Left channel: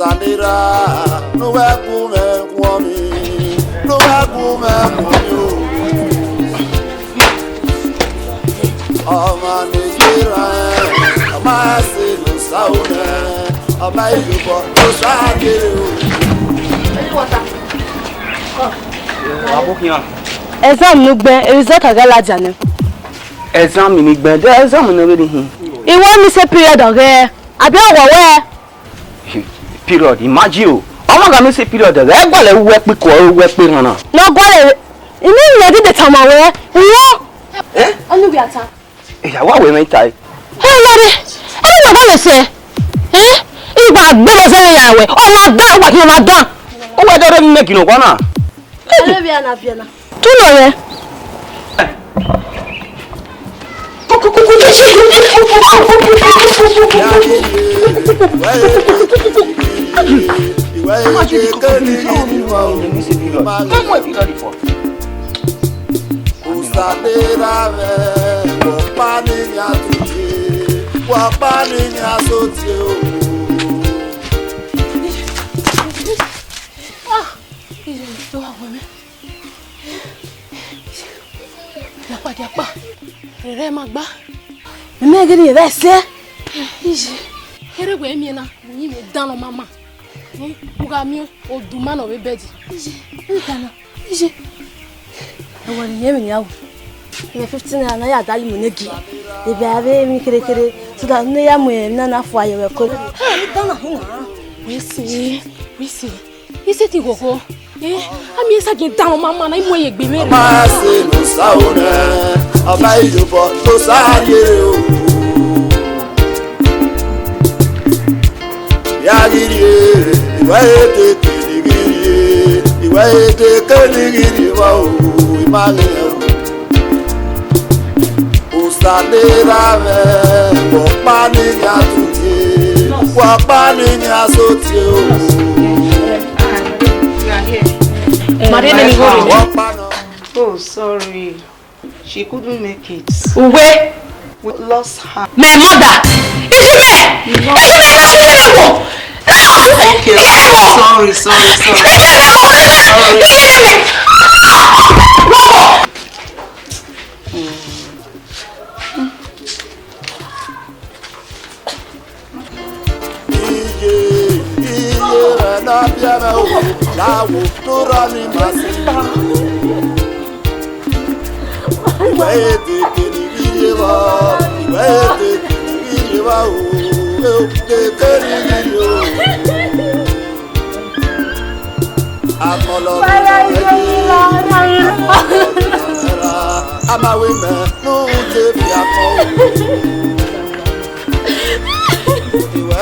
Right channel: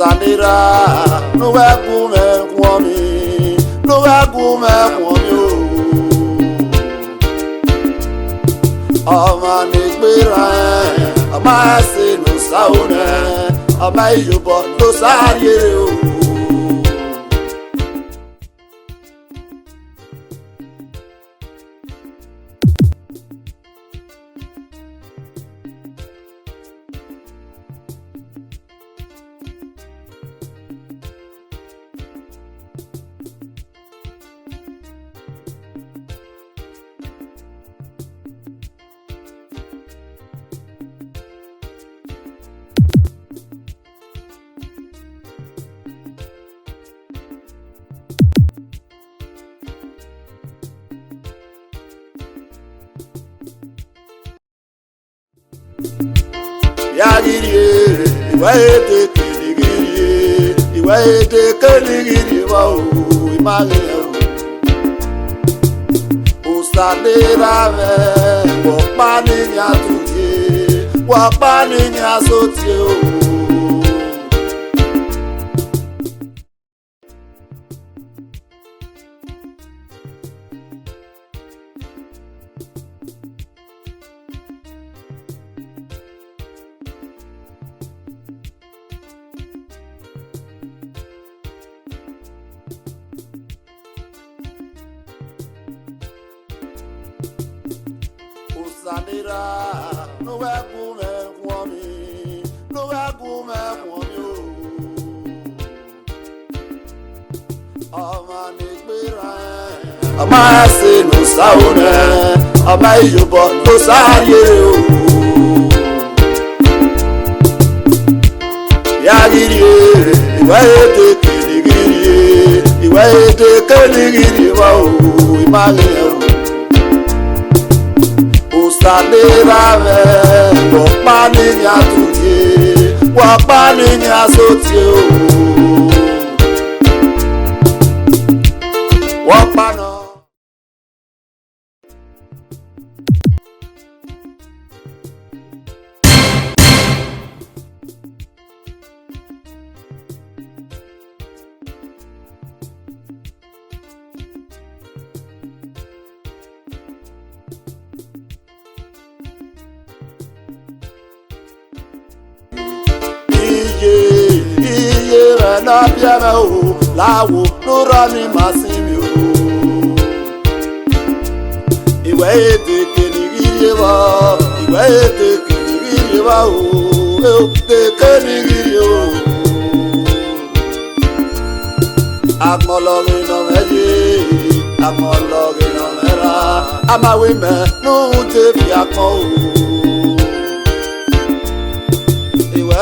Usanira, no wakume kwami, no wakume kwami. Amanekira, amase no saune, amayubo no sagero. Exam no gbe, result agala jane. Exam ni gbe, the exam no ready hin. E want me say period ore. Abi owo Period, imagine o. Omo ga me say period ore. E gbole we pe ko we pe ran na. No gbole. Ini ni dey tama we. Wo. Onu bi ata. Ìyàwó àwẹ̀ mẹ́ta ẹ̀. Ẹ lọ́dẹ, ẹni náà bá lè ṣe ẹ́ ìgbà gbẹ́lẹ̀ sẹ́yìn ìyá rẹ̀ ọmọ dán wà kí ọmọ dán. Ó wẹ́ dọ́dọ́ mímẹ́ kìnnà kan náà. Tún lọ rẹ. Ìwà èdè kẹ́nìrì wà ó máa ń lọ. Usanira ve, wapani nyatuke, wapani nyasotie o. Lapade apa, rere magba. Meme gini ye vese. Ije, here gwe mi na, ni me dan mama. Uga mi oduma no be bedi. Ije. Wani yemi yawo. Ya 15 na ya dali monegi. E be ave mi kere so da ne ya mo na fo ayewe ko. Misi. Ise ti koko. Ami esa ki dan mama na imo ye gbere. Ma se no saune, abayobo to saye o. Ya giri, iwa ete kirigiri, iwa ete kirigiri wa o. Usanira ve, wapani nyatuke, wapani nyasotie o. Oh, sorry. She couldn't make it. Where? We lost her. My mother! Okay. Sorry. Na biara o lawo lora ni masini iwe ete kenigiri wa o ete kenigiri o amolo no meji amolo no era amawe me no te fi akọ iwe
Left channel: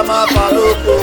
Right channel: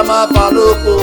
Amanafanoko.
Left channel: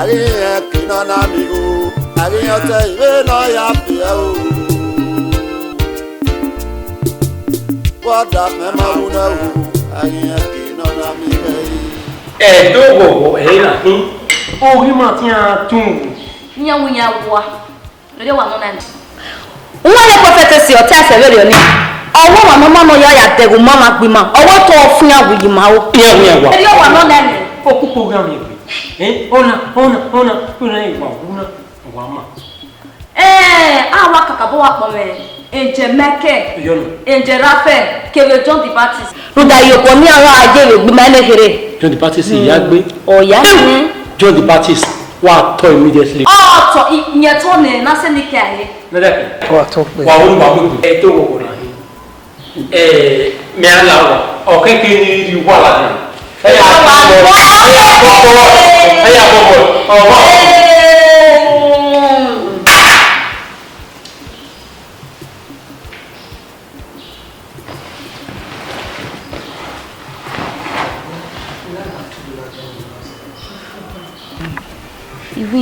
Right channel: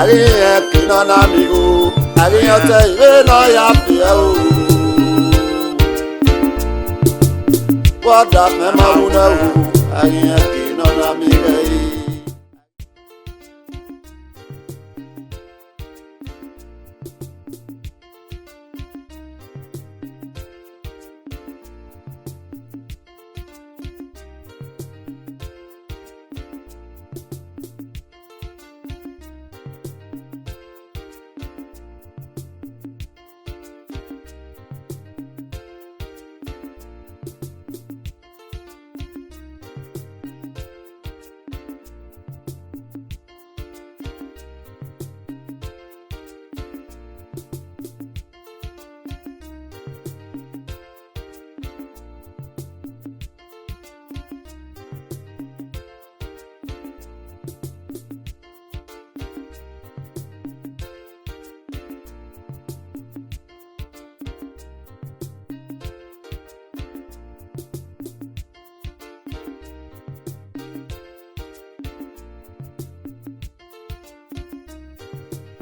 Ariye kino na mi o. Ariye te iwe no ya fi o. Wada me ma una o. Ariye kino na mi e. Do go na hin. O ri ma ti a tun. Nya wunya wa. Lode wa no na ni. Nwa le prophet si o ta se very oni. Owo wa mama no ya degu mama gbe ma. Owo to ofun awuyi ma o. Iya wunya wa. Eri o wa no na ni. O ku program yi. Ona igba wa ma. Awa kakabo wa po me. Enje meke. Enje rafe. Kere John the Baptist. Ruda yoko ni ara aje gbe ma le here. John the Baptist ya gbe. Oh ya. John the Baptist wa to immediately. Oh to yen to ne na se ni ke aye. Nada. Wa to pe. Wa wo ba gbe. To go na. Me ala wa. O ke ni ri wa la na. Iwi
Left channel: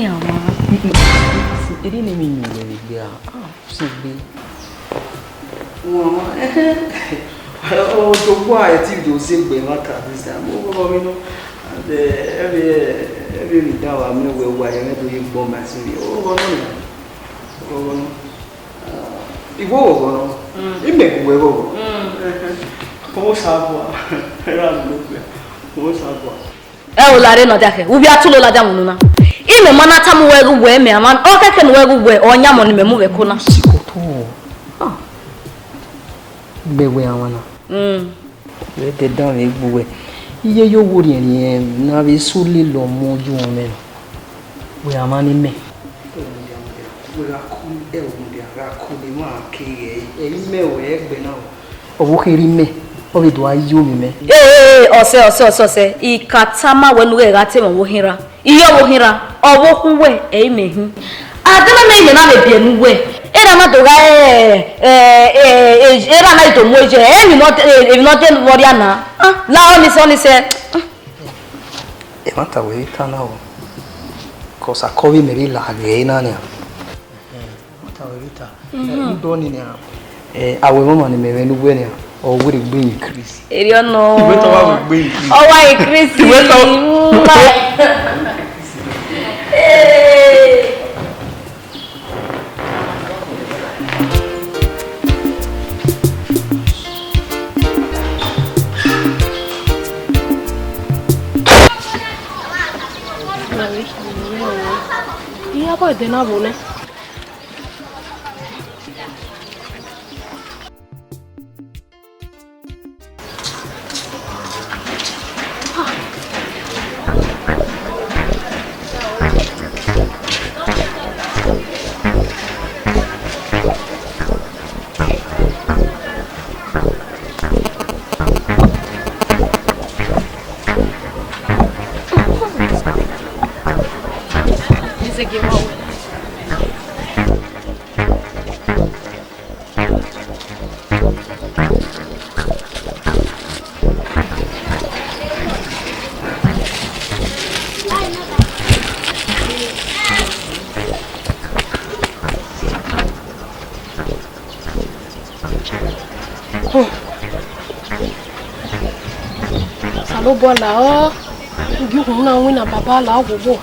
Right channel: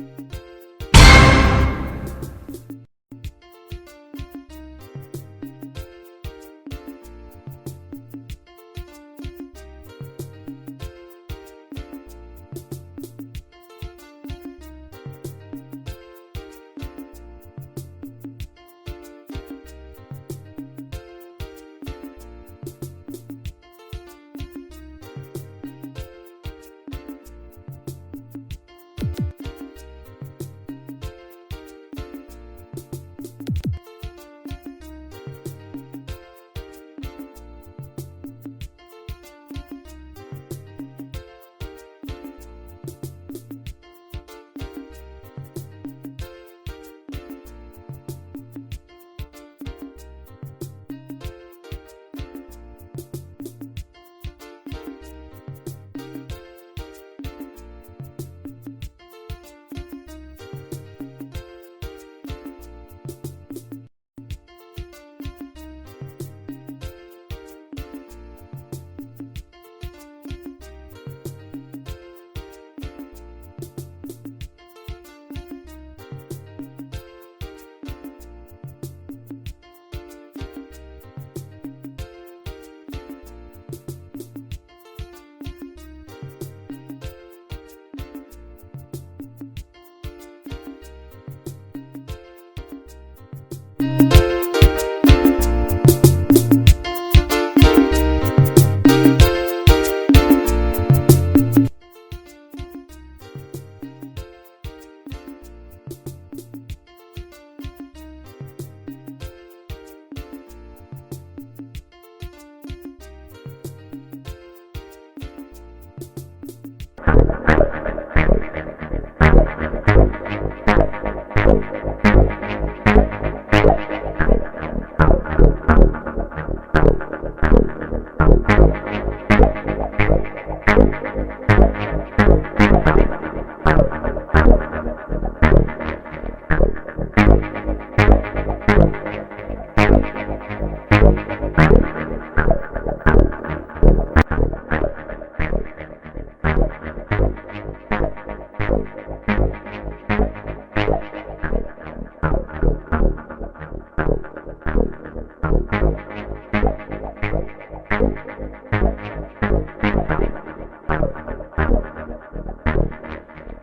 àwọn. Eri ni mi ni le gbe a. Si gbe. Mama, oh, to why I think those same way not this time. Oh, you know, every now I know where I never him bomb my city. Oh, no. If over, it make way over. Almost half O la re no dake. Ubi atulo la jamu na. Ime mana tamu wegu we me aman. O keke no wegu we onya mo ni me mu we ko na. Sikoto. Bewe awana. Le te dan le buwe. Iye yo wori en na be sule lo moju o me. We amani me. Owo kiri me. O be do ayo mi me. Ose. Ikatama wenu we ga te mo wo hinra. Iyo wo hinra. Owo kun we e mehu. Adana me ime na me bie nu we. Era ma do ga era na ito moje. E mi not tell worry na. La oni se. E mata we kana o. Cosa kovi me la ge na ne. Mata we vita. Do ni ne. Awe mama ni me we nu we ne. O we gbe increase. Eri ono. Iwe to wa gbe increase. O wa increase. Iwe to. Iya boy de na bone. Là du coup na wina baba la gogo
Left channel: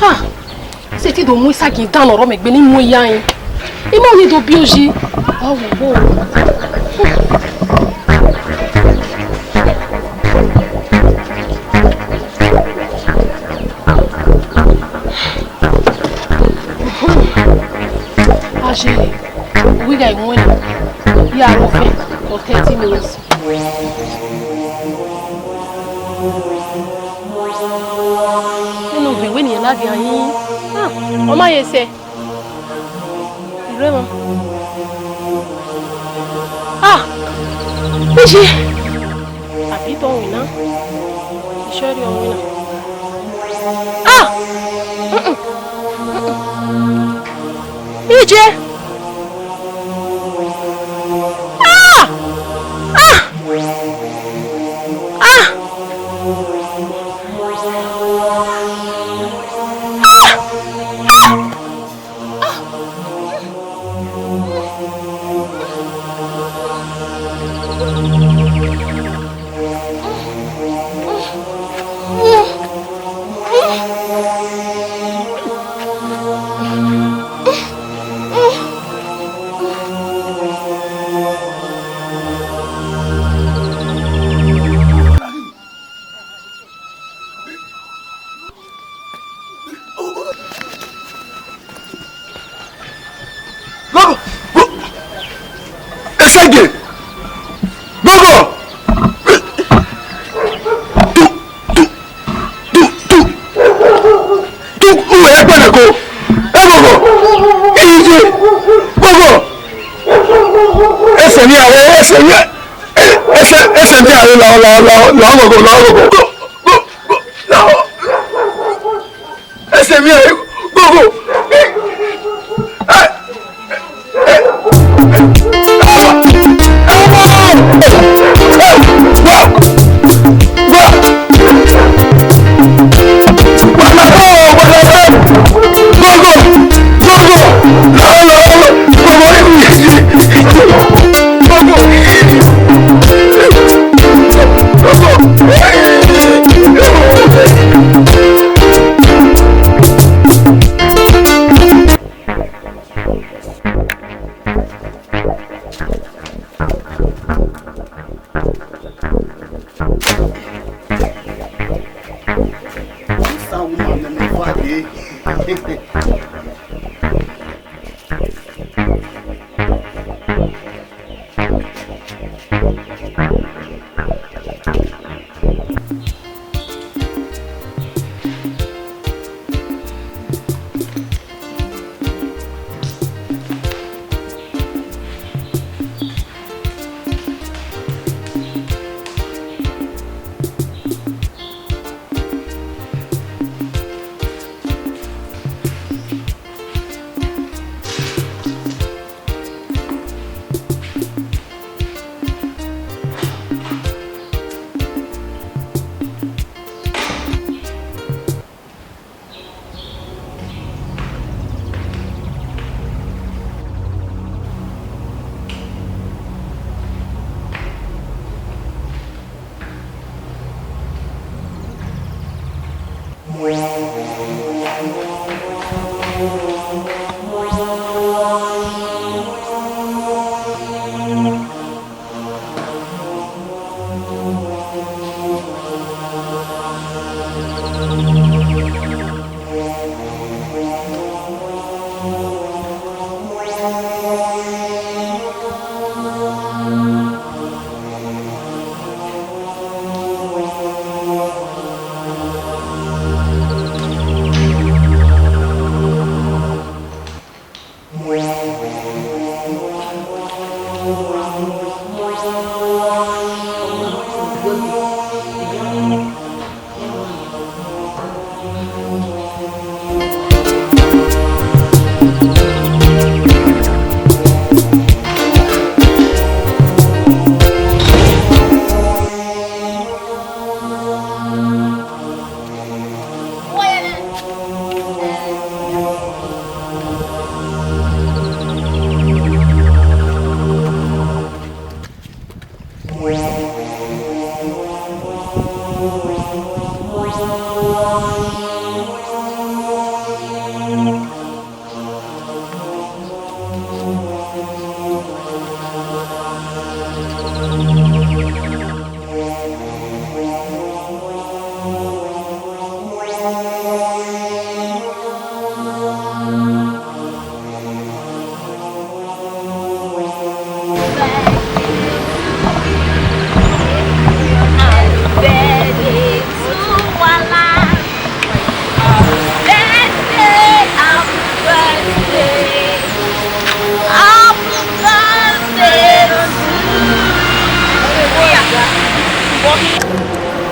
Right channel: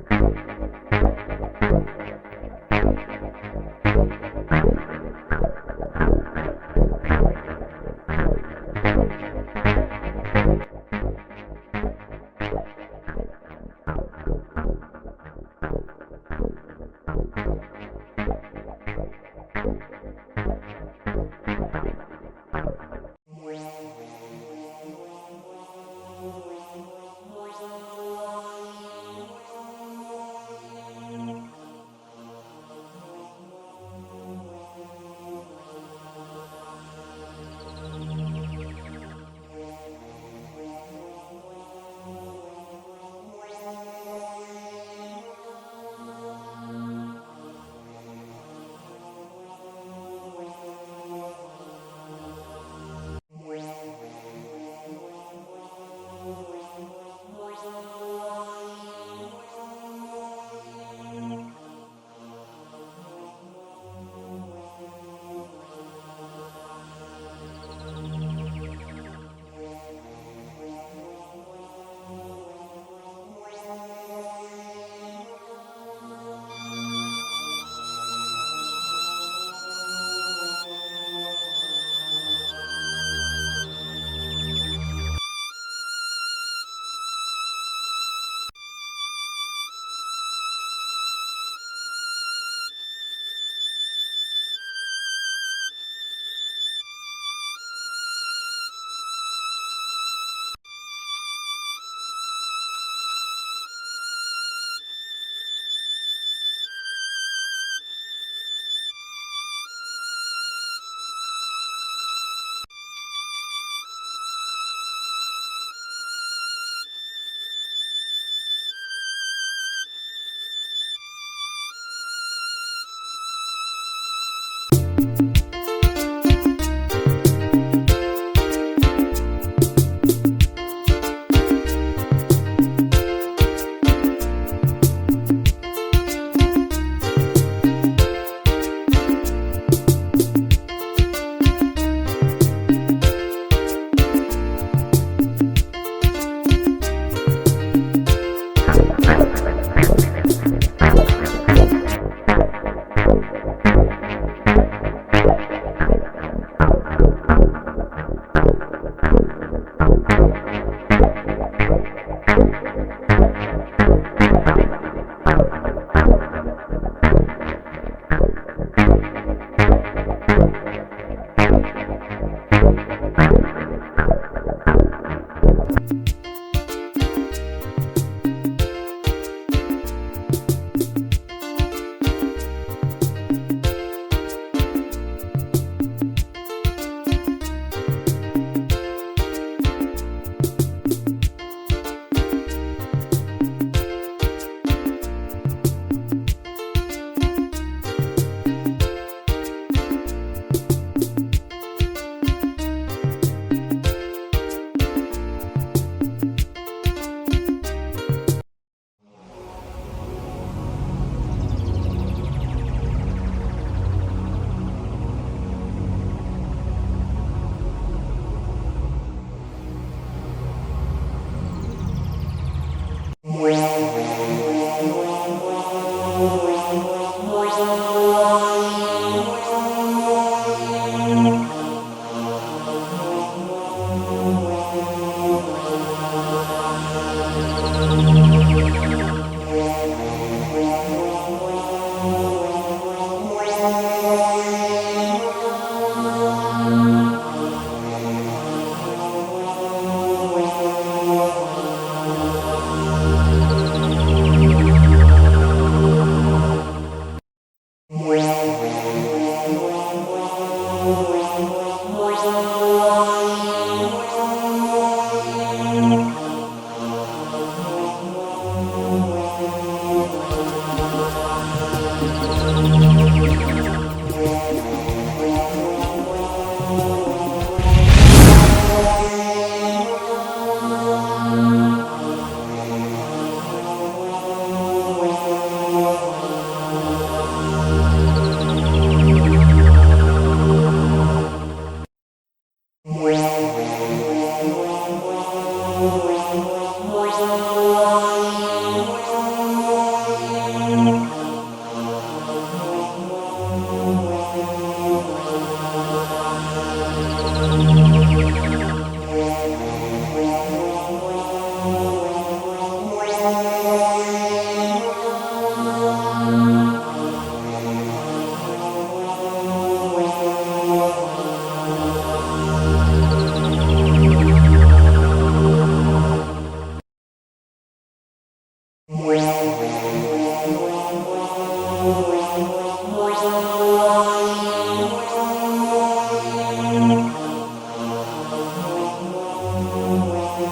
ha c'était do moi ça qui est dans mais beni moi yan et moi on est do bioji ah gogo ah j'ai oui ga moi ya lo fait pour 30 minutes. On m'a essayé. Vraiment. Ah! Mais j'ai. Habite en Wina. Je suis en Wina. Ah! Mais j'ai. Ah! Ah! Ah!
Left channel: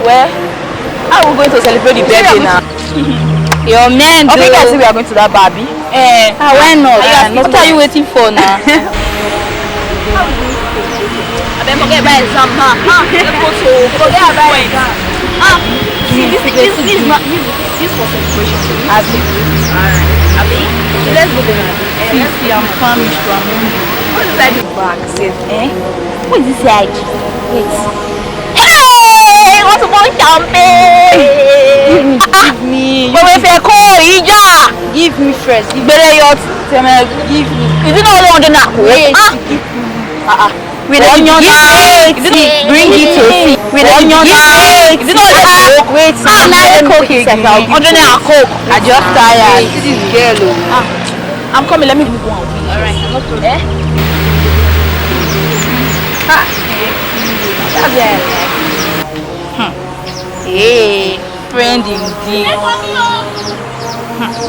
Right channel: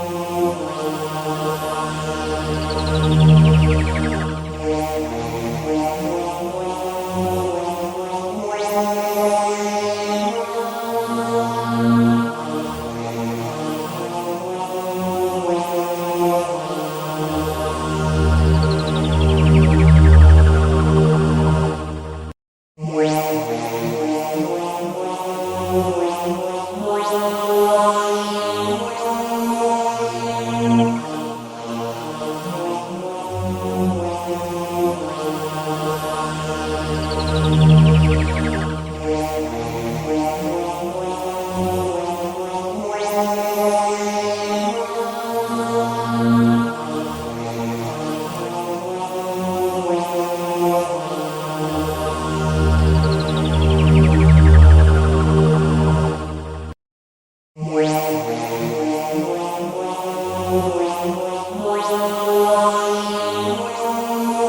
Where? How are we going to celebrate the birthday now? Your man, okay, guys, we are going to that Barbie. Why not? What are you waiting for now? Forget about exam, forget about exam. This was let's go there. Let's see, I'm famished from. What is that? What is this like? Hey! What's the point, champagne? Give me. But if I call Ija, give me first. You better give me. Is it not on the knock? Wait. With onion bring it to me. With onion is it not wait, another coke here. Under a coke. I just tired. This is girl. I'm coming, let me do one. Alright. Hey, friend indeed.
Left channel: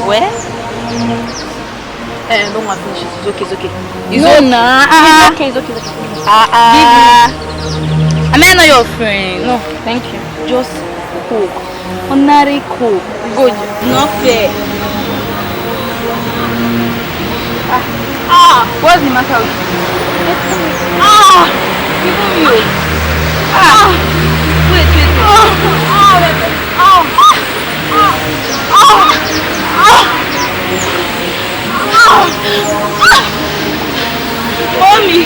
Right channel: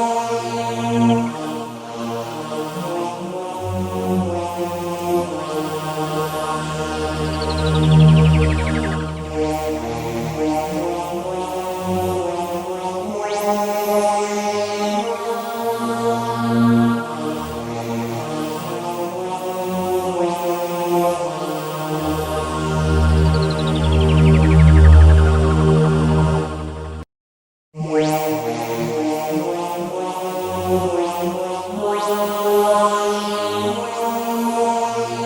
Where? No one finishes. It's okay, it's okay. It's okay, it's okay. I'm not your friend. No, thank you. Just coke. Ordinary coke. Good. Not fair. What's the matter with you? Even you. Wait. Mommy.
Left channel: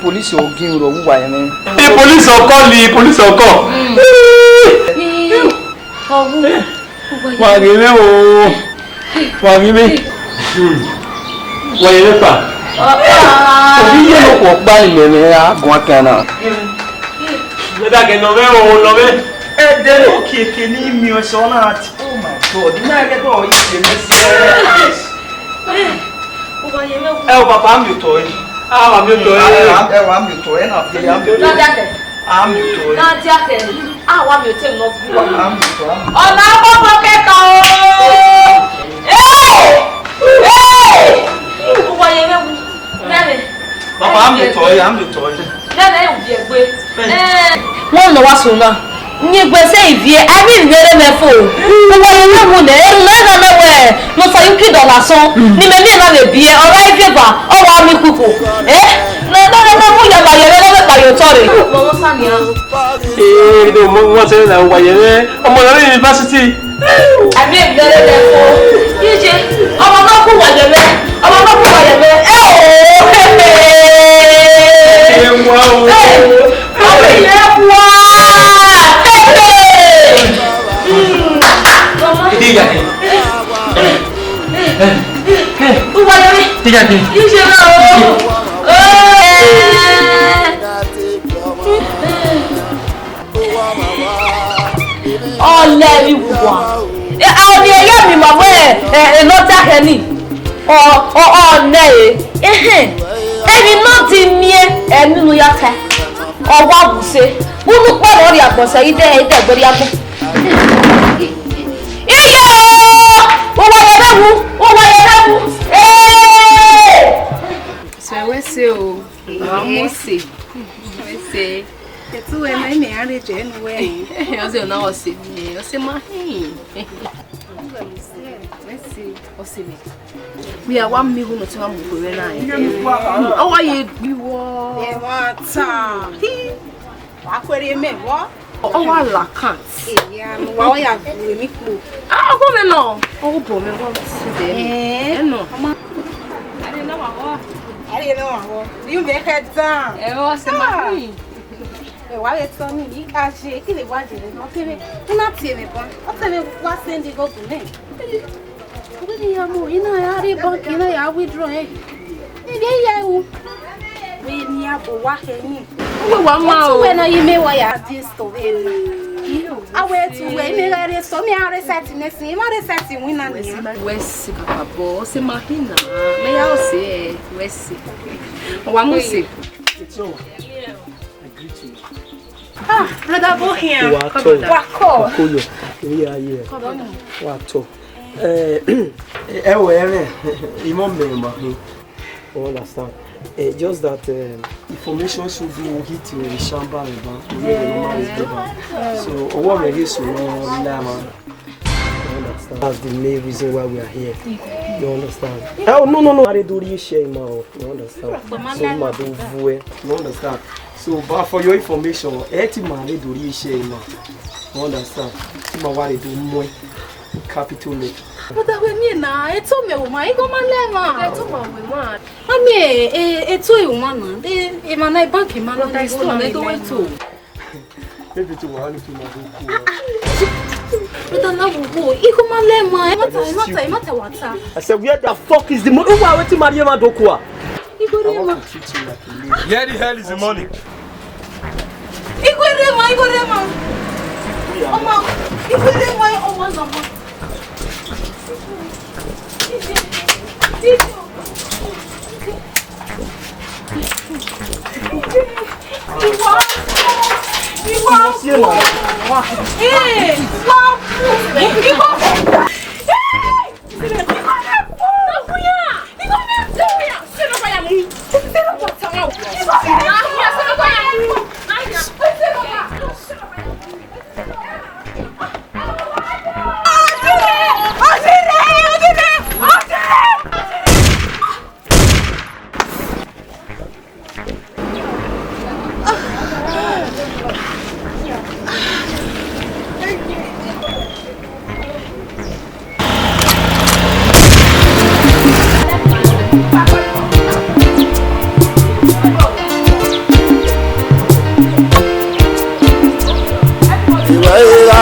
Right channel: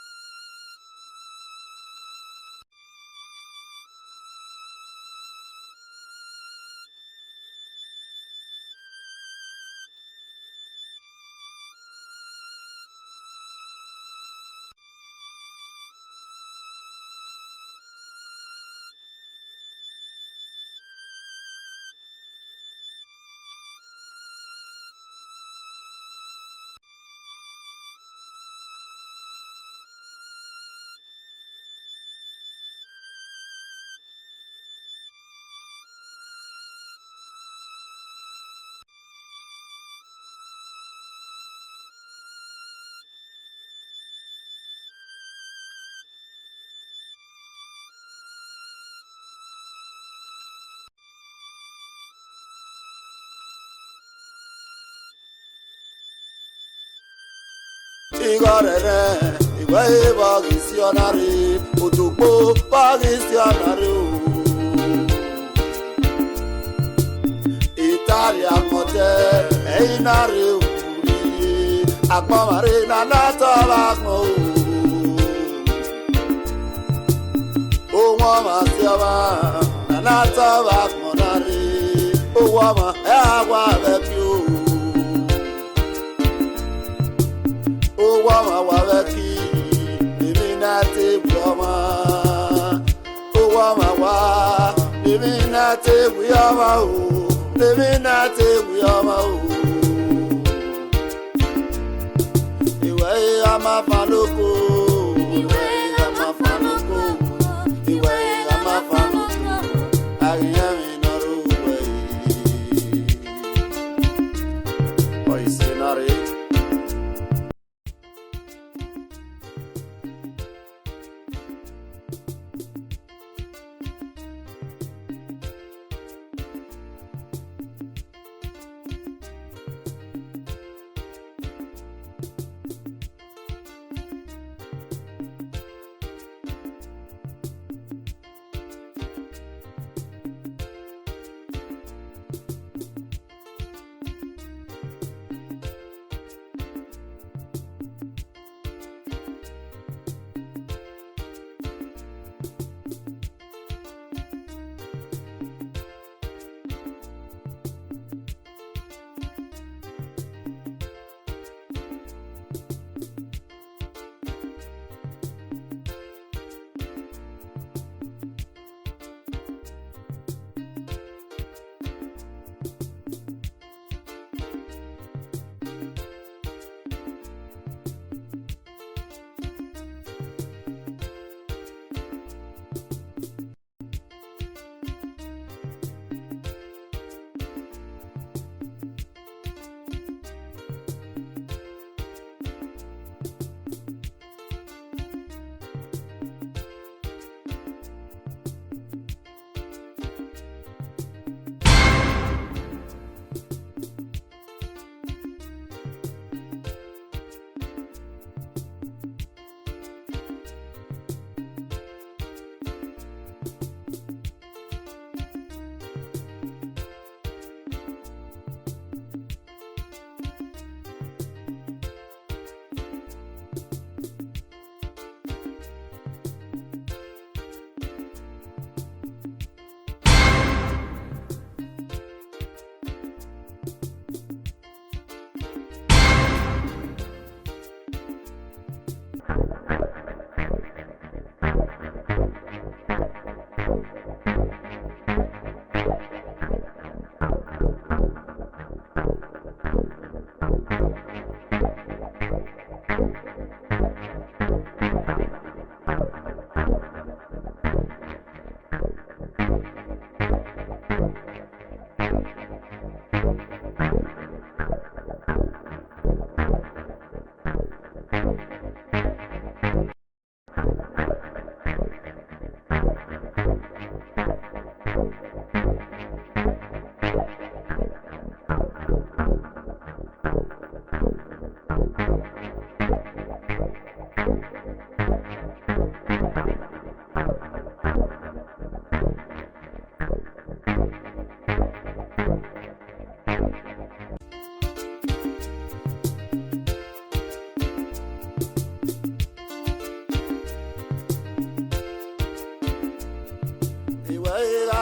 Police or give you a woman. Police or call me, police or call. Why, you know, why, you mean? Why, you Obi ye no ko gba ile mi a gun kan na. Me da ke no me o lo me. Eh, there okay ni mi o so na ati. Oh my God. Na get o ise me se. O papa mi to yi. Ah, mi to yi. Wa mi to yi na fi am mi to. Am mi to yi. Na ti ake. Ah, wa mi te no bu. Am mi to. Ọ̀nà àkọ́kọ́ kẹta o. Gbogbo ayé mẹ́wu. Mẹ́rin. Papa am mi to yi, am mi to yi. Lẹ́nu ẹ̀ òbí ẹgbẹ́. Wọ́n lọ wá sùn náà. Ní gbèsè ìbí ẹ, àbí ìgbéré mẹ́fò. Gbogbo ayé mẹ́wu nẹ̀ ẹ̀rù náà mẹ́wẹ̀. Mo sọ yín kí dọ̀là sán. Ní mẹ́mí ẹ̀ náà lè bí ẹ, ọ̀rọ̀ ìfẹ́ bà, ọwọ́ mi kúkú. Lọ́dọ̀ mú yàgbà yẹrẹ lọ́wọ́ pàyọ̀ tọ́rẹ̀. Wọ́n ti ń wà yẹrẹ ọmọ yẹrẹ yunifásitì. Àbí ìgbéré mẹ́fò. Yíṣe ọmọ náà kú wà yẹrẹ. Ọmọ náà kú wà yẹrẹ. Ẹni náà ti ní ẹnu yàtọ̀ ọwọ́ àbùsẹ̀ wúlú pọ̀rọ̀ rí àbọ̀sẹ̀ ilé ẹ̀dẹ̀ ìgbórí àgbọ̀. Iye ó wáyé lẹ́wù ó wáyé lẹ́wù. Sẹ̀wẹ́sẹ̀ o, àwọn ṣe. Sẹ̀wẹ́sẹ̀. Ètò ẹ̀ náà ẹ̀mí àárẹ̀ jẹ́ ẹnu wẹ̀. Ọ̀sẹ̀ náà ọ̀sẹ̀ mi, ọ̀sẹ̀ máa hìn. Ọ̀sẹ̀ mi. We are 1 million to one more now. Oh, I you what? Oh, I like can't. Yeah, why I have me cool. Ah, go me no. Oh, boy, me want to see them. No. I didn't know. You make it down. It was my why it's on me, you can't shake it. Why did you not see me? Not see me, but I'll tell you what's in the go to me. Ina yari bank ina ya withdraw eh. Ide ya u. We ni abo wa kenyi. We wa ma o. We na yime wa ya this to we. Awe tu we me re so me are set nesi. Ma re set win na ni. Wesi babo se mahina. Me ya o se wesi. Wa mu se. Ah, brother bo here. Wa ko. Koyo. We are here. Wa to. Understand. Just that information should be hit in the Shamba. So, what we so that's the main reason why we are here. You understand? Oh, no. I do this share now. You understand? So, you understand? So, but for your information, man do this share now. You understand? I do more capital make. But that we mean now, it's all me woman. You go man lema. It's all my woman. I mean, it's all you man. They man I bank man. They still they do it too. Maybe to one to my. But now we go. You go man lema. Mata wanta. I said, where the fuck is the money? Who are we to marry my dokwa? You go lema. Where the hell is the money? You go lema. Mama, you go lema. Oh, what's up?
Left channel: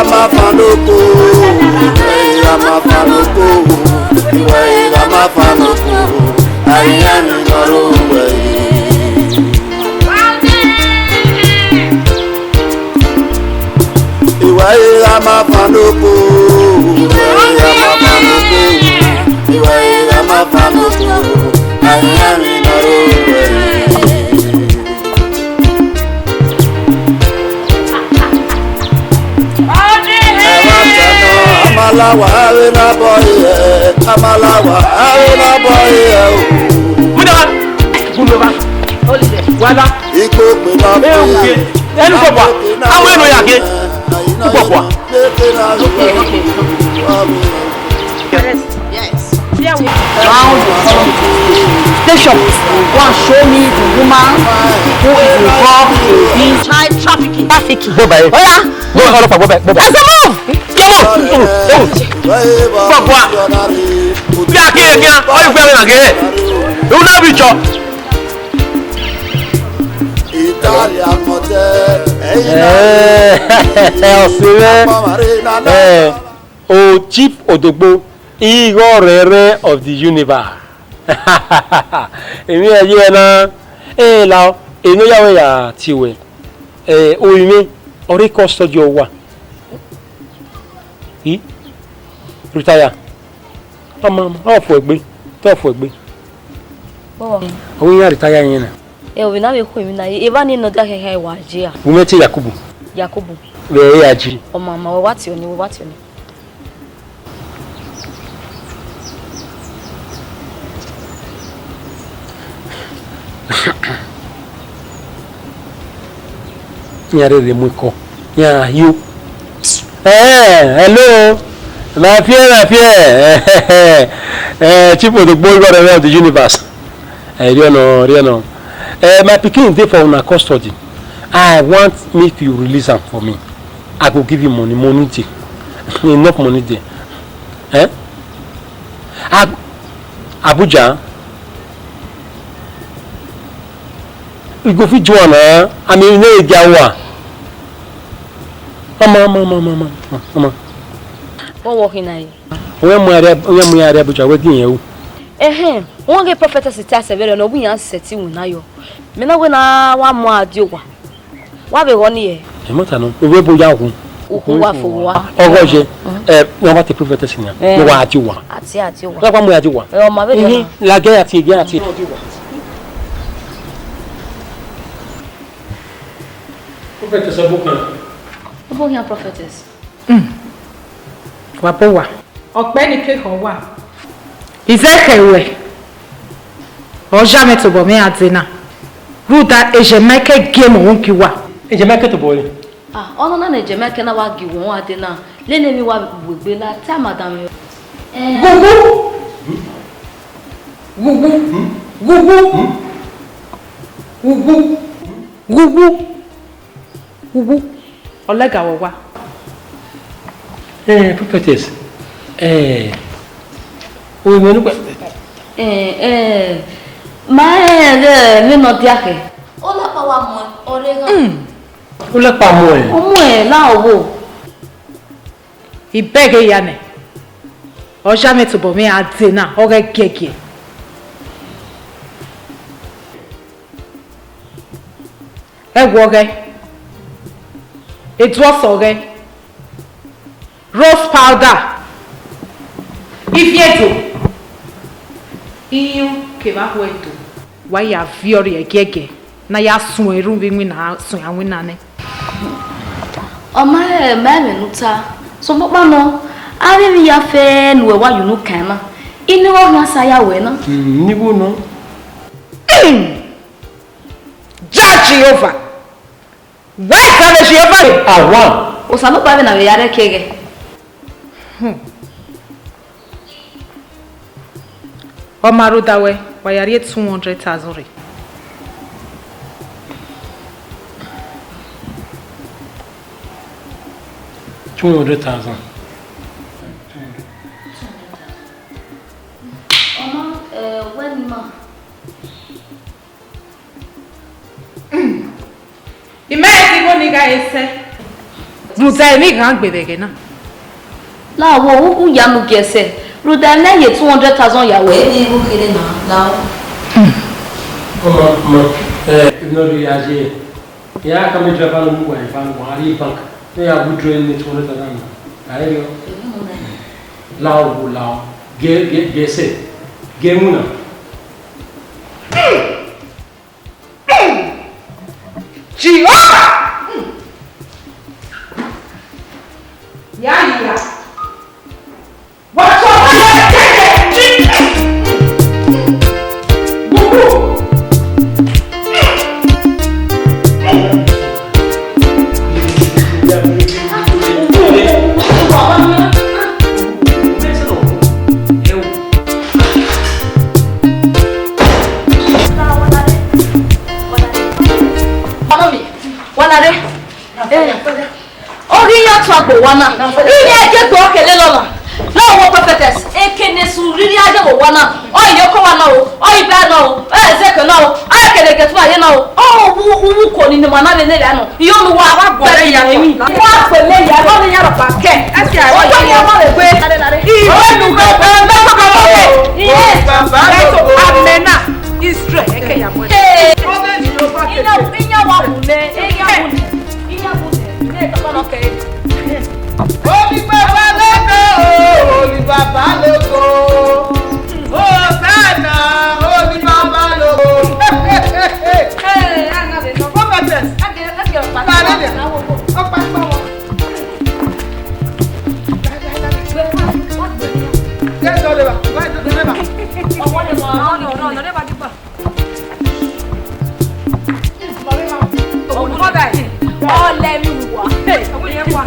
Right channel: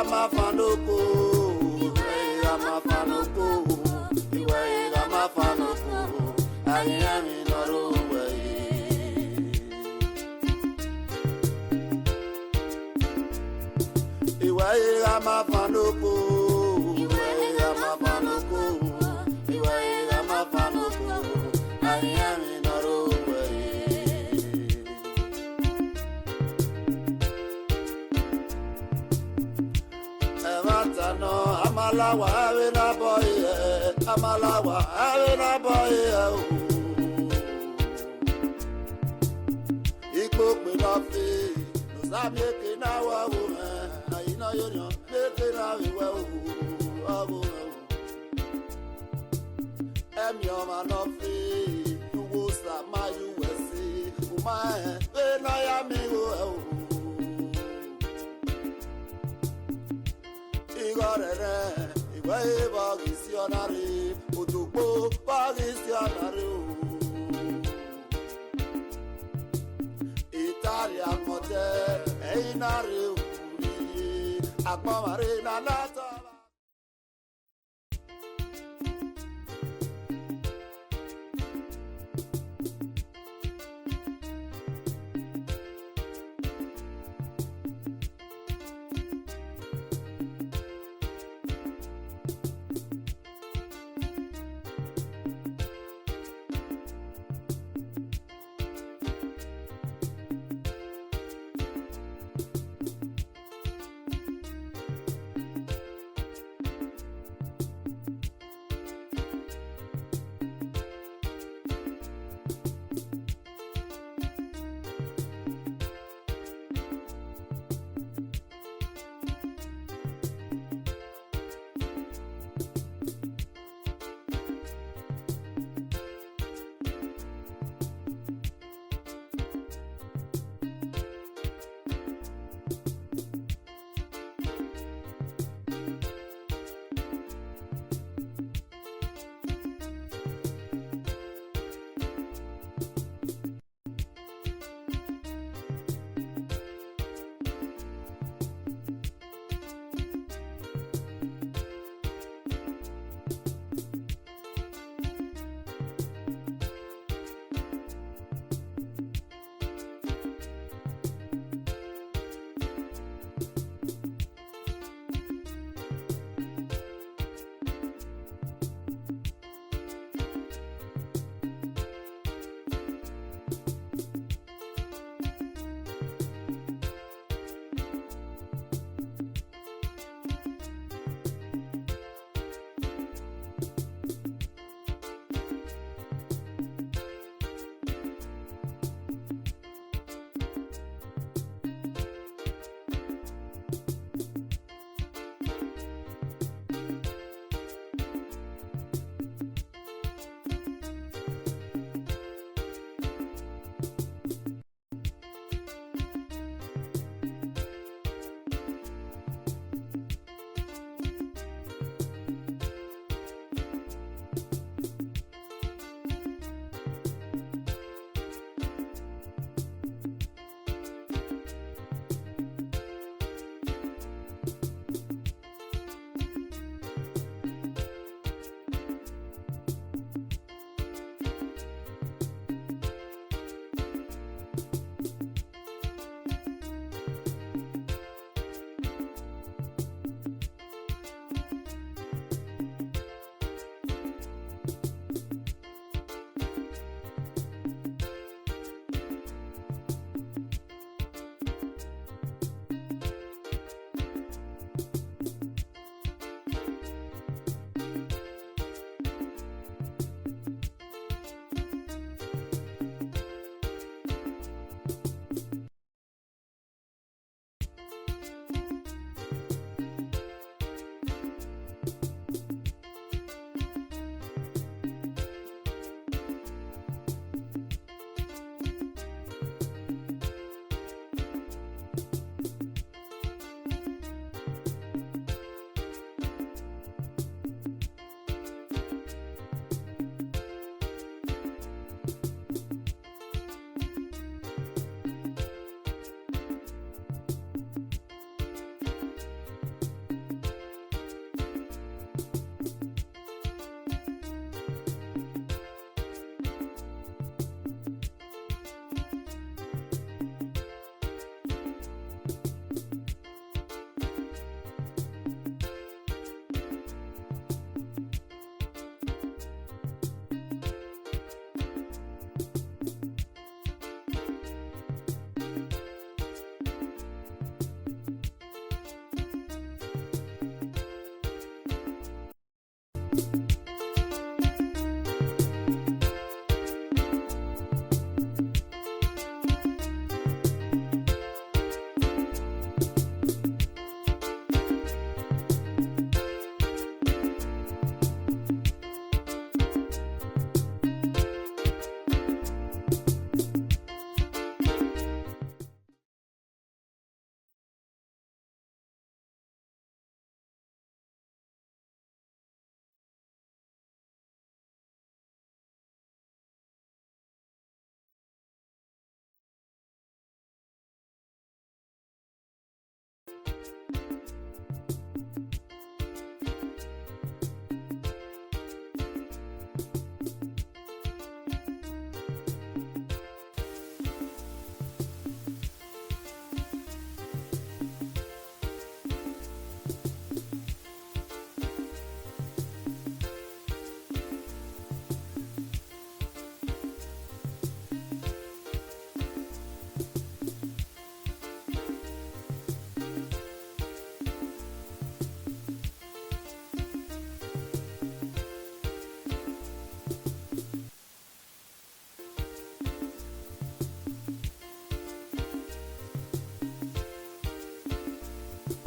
Amanafanoko, Amanafanoko, Amanafanoko, Ayami Maruwe. Iwaye Amanafanoko. Iwaye Amanafanoko. Iwaye Amanafanoko. Ayami Maruwe. Amalawa arena boy, Amalawa arena boy. Muda, Gulova, Wala, Iko pela Euke, Elukwa, Aweno yake, Ukwa. Station. One show me the woman who is involved in child trafficking. Go by. Oh yeah. Go all of go back. Let's move. Come on. Papa. Yake again. All you going again. You na be chop. Italia motel. Oh, Chief Odogbo, Igor of the universe. Èmi ayé na la eno yawe ya tiwe oyimi ori custody owa retire mama ofu egbe o ya retire yin na We na we ko mi na e ba ni no da hehe wa je a umete Yakubu we ya ji o mama we wati oni Nyare de muko. Yeah, you. Hello. My fear. Chief of the boy of the universe. I don't know. My picking day for una custody. I want me to release him for me. I will give you money enough money there. Abuja. We go fit Joanna. I mean, no Jawa. Mama. What working na? When we are Abuja wedding you. One get prophetess tell say no we yan set you na yo. Me na we na wa mo adiowa. Wa be won here. E mota no. We bo ya hu. Wa fo wa. Ogoje. No what the prophetess na. No wa adiowa. Ati wa. La kwa mo adiowa. O ma be na. La ge ati. Prophetess abokan. Obo yan prophetess. Wa bo wa. Ọ̀gbẹ́ni ke kan wà. Izekewe. O jamais to bo me atina. Ruta Ehimwenma game won ki wa. Ehimwenma to bo le. Ono na Ehimwenma na wa gi won ade na. Le ne mi wa gbegbe la ta madam. Gugu. Olega wo wa. Prophetess. O me no mi no diake. O la pa wa mo orega. O la pa mo e. O mo e la owo. Ibege ya ne. O jamais to bo me atina, o ge keke. It was okay. Rose powder. If yeto. Iyo ke ba weto. Wa ya fiori egege. Na ya sun eru bi mi na sun awin na ne. O ma me nuta. So mo pa no. Ari mi ya fe nu wa you no kan na. Ini wo na sa ya we na. Ni bu no. Jehovah. Why can't Jehovah? Awa. O sabe pa na we yare kege. O maru dawe, wa yare 200,000 re. $200,000. When ma. Imagine go niga ese. Ruta mi kan gbedege na. La wo u ya nu gese. Ruta na ye 200,000 ya we. Ni bu kire na. La. No reagir. Ya kami trabalho no banco, ali banco. Ya withdraw ni tole tanana. Ayo. Lao. Gese. Gemuna. Chia! Ya. What's up? Wana ini aje to kele lona na wo prophetess ekene su riri aje wo wana o yoko wana o ibe na o ezeke na o akele ke tuwa ye na o wu ko ni mana le le anu iyo nu wa wa gbere ya mi wa pele ya lo ni ya ro pa ke ati ai o ya ma le gbe o nu go be me ko ko yes baba amena Israel eke ya mo inya wa mu ne inya mu ne to ko no ke Oli baba logo. Hosanna, oli baba logo. Hey, ana de no prophetess. Age pa. O pa pa wo. Yes, do leba. Vai do leba. O wo le mo. No, leba di pa. O mo dai. O le mi wa. Hey, o ye wa.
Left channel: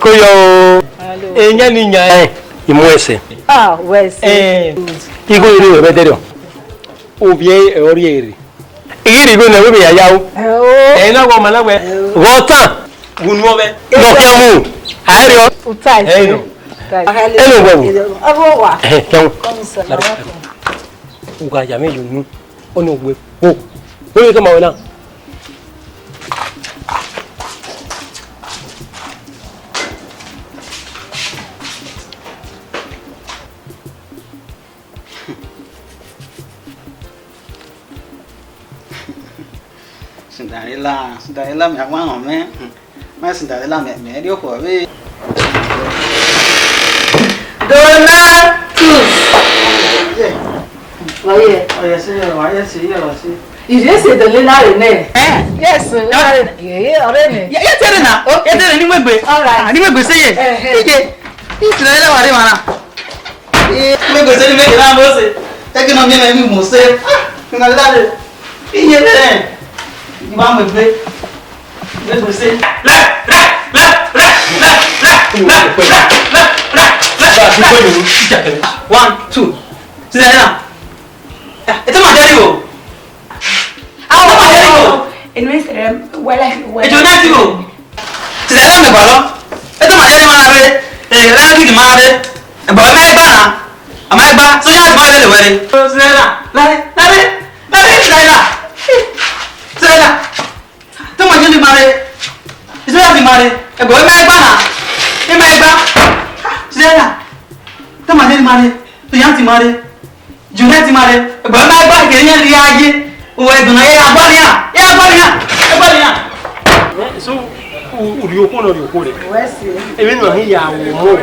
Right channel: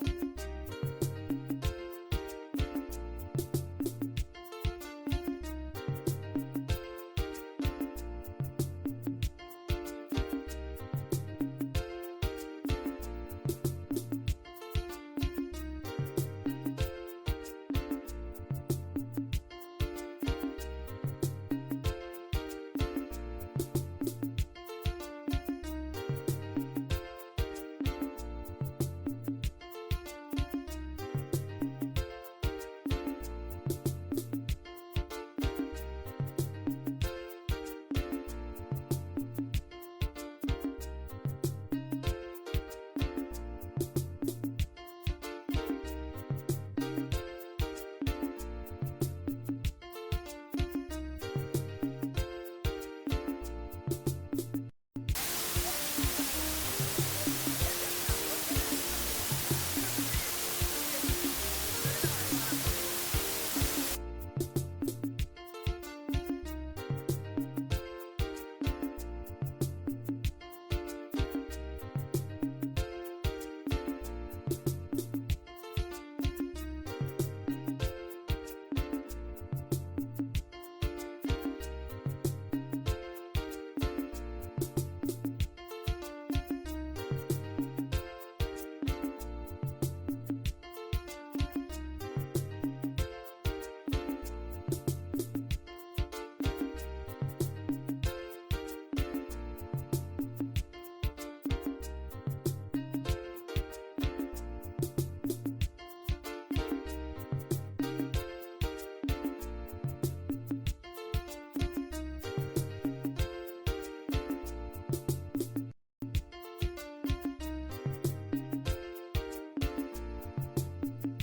Koyo. Enya ni nya imwese. Ah, wese. Igo iri beterio. Obie oriere. Iri go na we ya yawo. Na go mana we. Wota. Gunu obe. No kiamu. Ayo. Utai. Eno. Eno go. Abo wa. Kiamu. Uga ya me yunu. Ono we. O. We kama wena. Cinderella, me one man. My Cinderella, me, you for me. Oh, yes, you just say the Lina name. Yes, yeah, already. Yeah, tell her now. Okay, tell her. All right. I didn't say it. It's not what I want. Maybe say me na mo say. Take no me me mo say. Na la de. Iye le. Ni ba mo pe. Maybe say. La. One, two. Say na. It's my daddy go. It means well. It's your daddy go. Say na me ba lo. It's my daddy man are. La ki ma de. Ba me ba na. Am I back? So you have my little wedding. Sela. Don't want you to marry. Is that the marry? A boy, my banner. In my back. Sela. Don't want you to marry. You have to marry. You have to marry. A boy, my back. Getting a reagi. Who is going to so, you call your code. Even when he are more.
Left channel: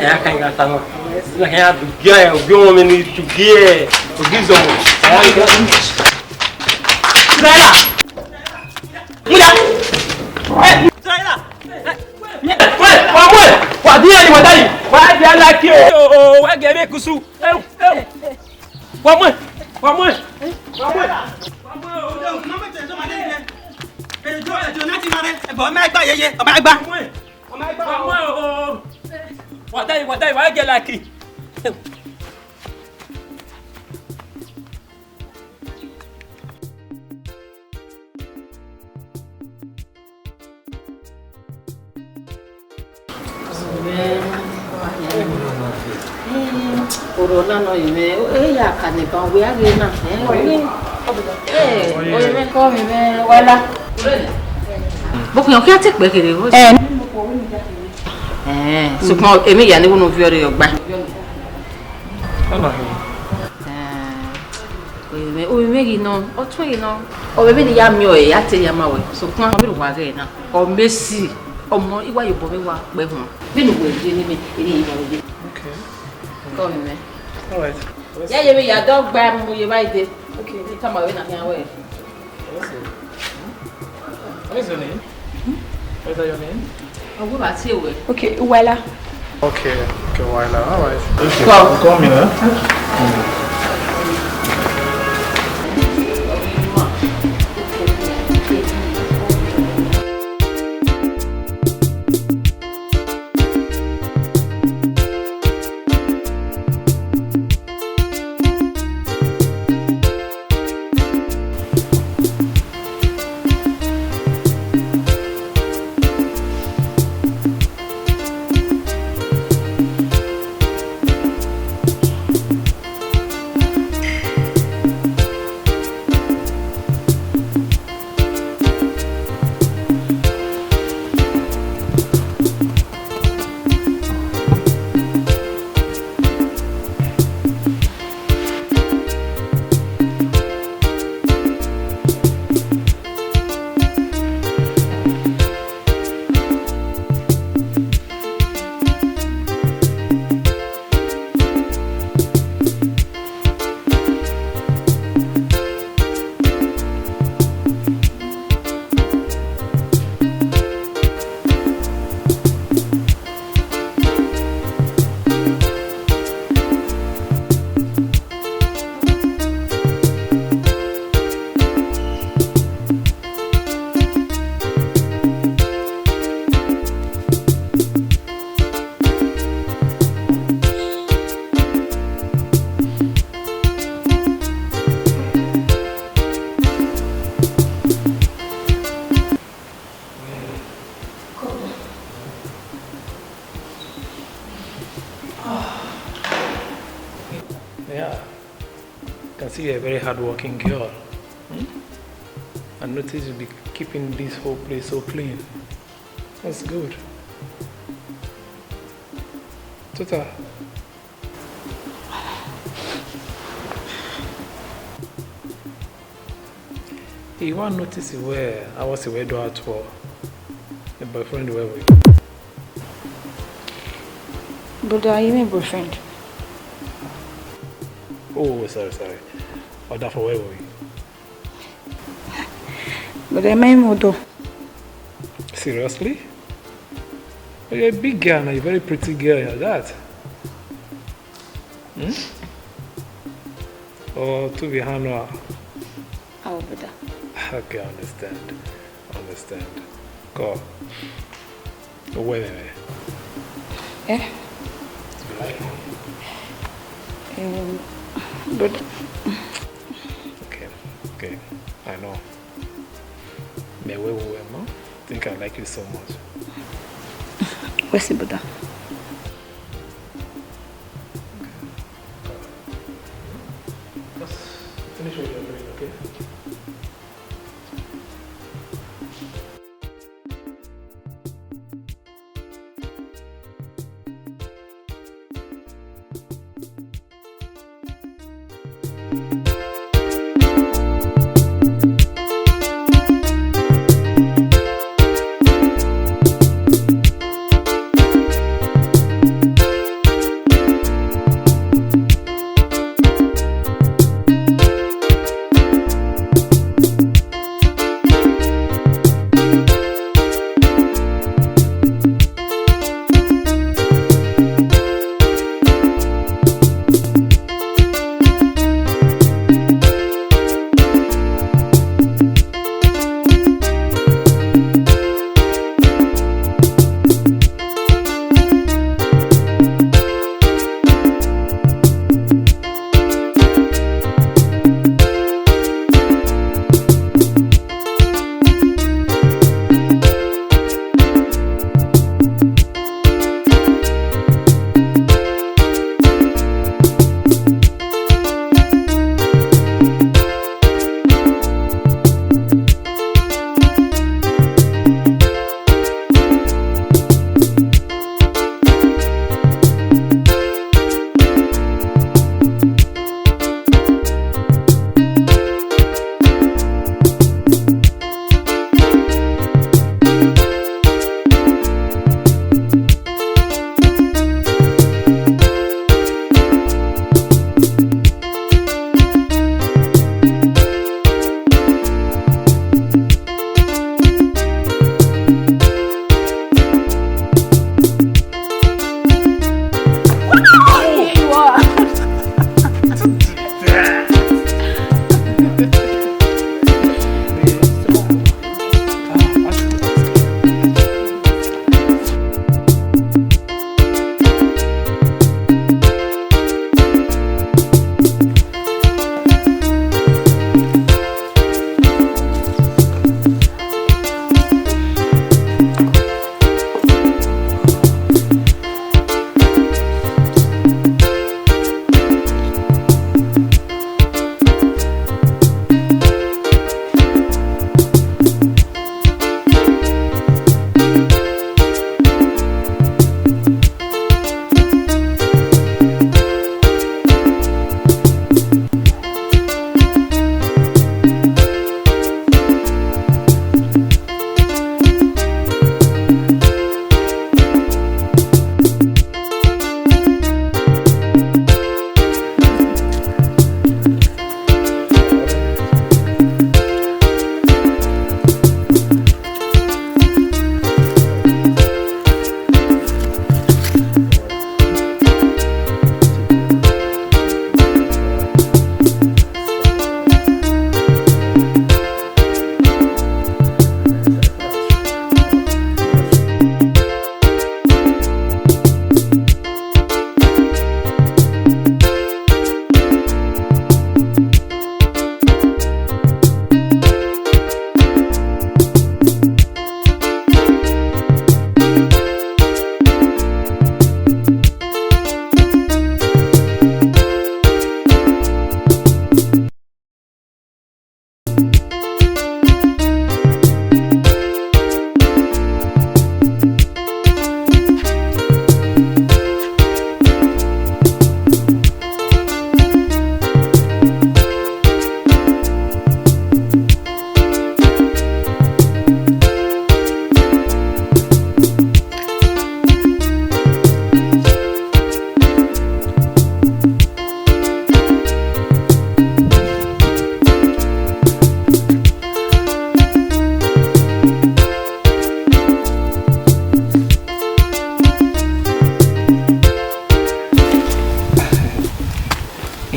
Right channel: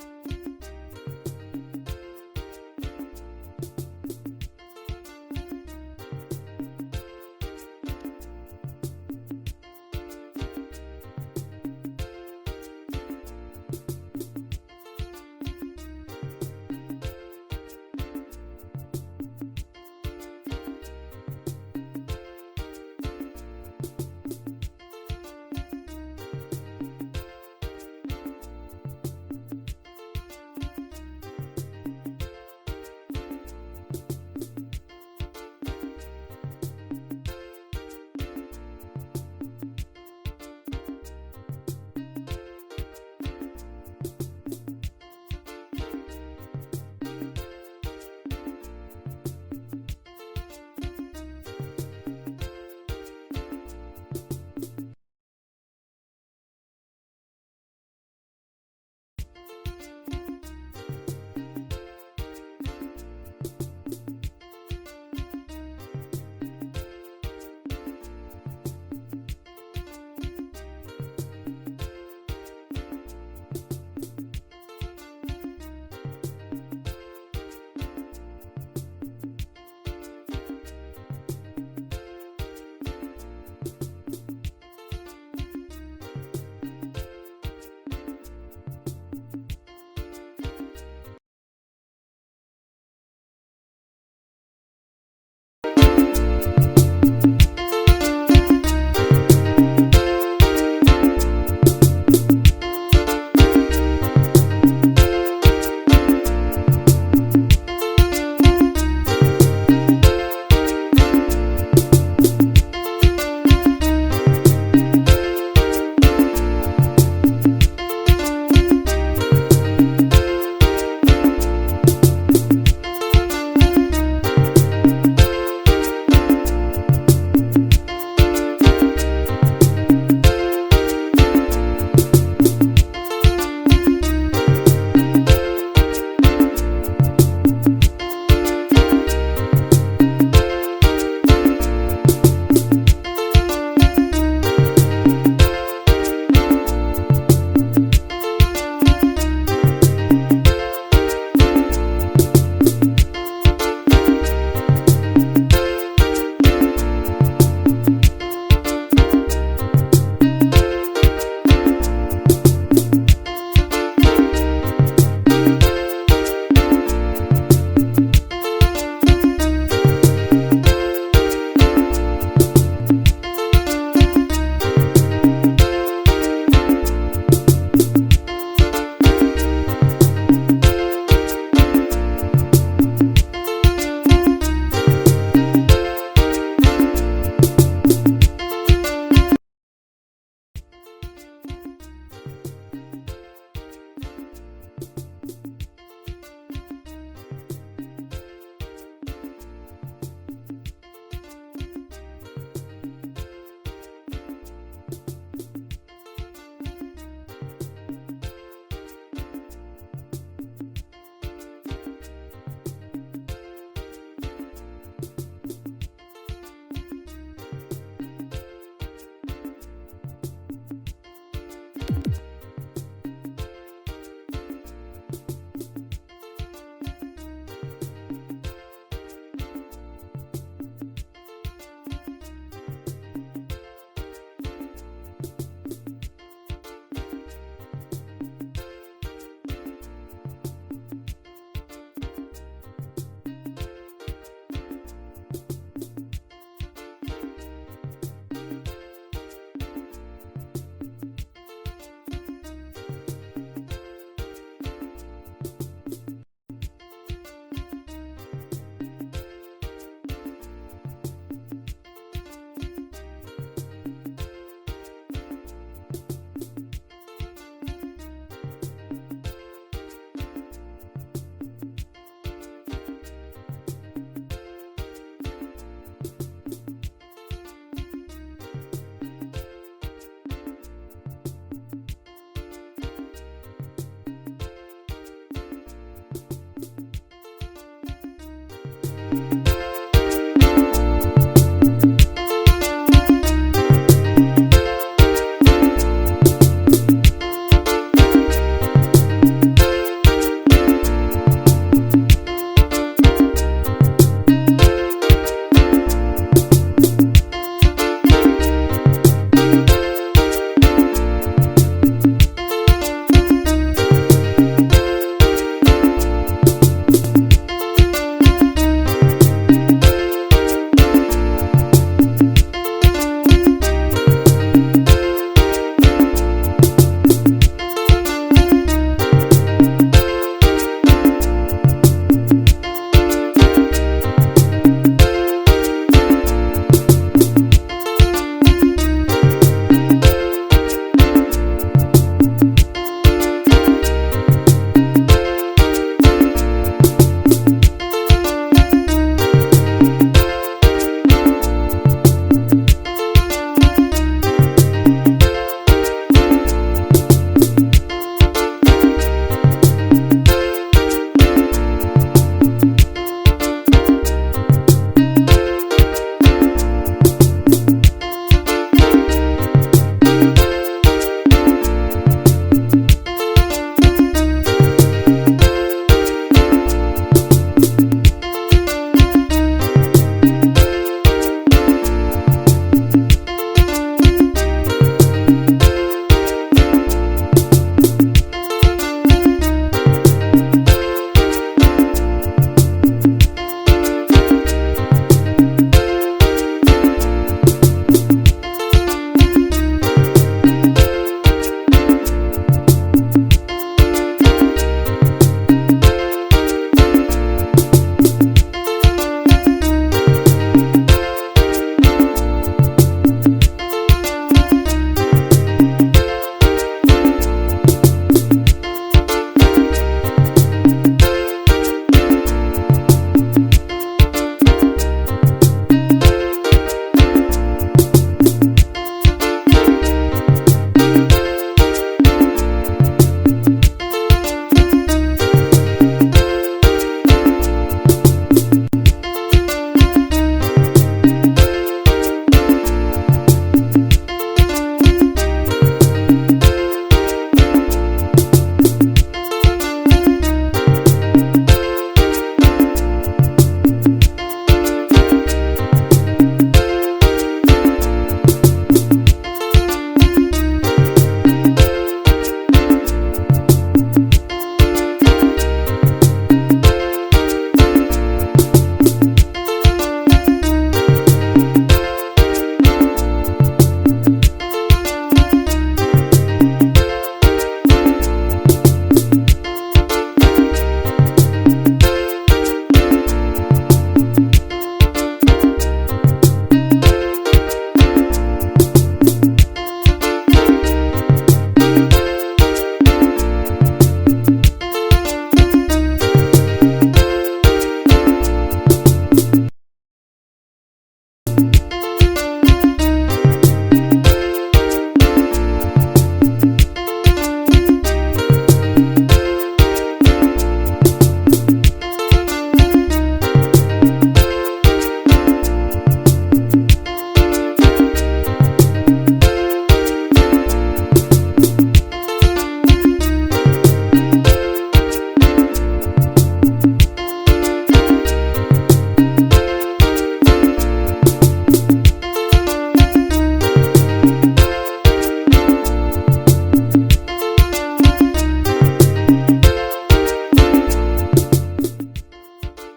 I can't get along. I have to get a woman to get to give them. What do you why do you like you? Oh, I get it. One more. What I get like it. Corona no ime, ya kane ba we are na. O me ko mi me wala. Boku yan ki ati pe kere o. So ko emi ya ni wonu fi ore ogba. O me gi no, o tun yi no. O be ni ya mi o ya te ya ma we. So ko mi ro wa re na. O mesi ọmọ iwa yo bo mi wa pe hun. Bi nu we ni mi eri yi ba we. Okay. Go me. All right. Yeah, you ya dog gba mu ye bai de. Okay, you come away na here way. What is your name? What is your name? Oh, we see we. Okay, Wella. Okay, Wella. All right. Okay. Come here. see a very hard-working girl. I noticed you'll be keeping this whole place so clean. That's good. Tota. you want to notice where I was away do out for the boyfriend where we. Brother, you mean boyfriend? Oh, sorry. Oh, that for where were we? But I mean modo. Seriously? Oh, you're a big girl now, you're a very pretty girl, you're that. Or to be Hanoa? Oh, brother. Okay, I understand. Go. Oh, wait. Eh? But Okay, I know. I think I like you so much. where's the brother? Finish what you're doing, okay?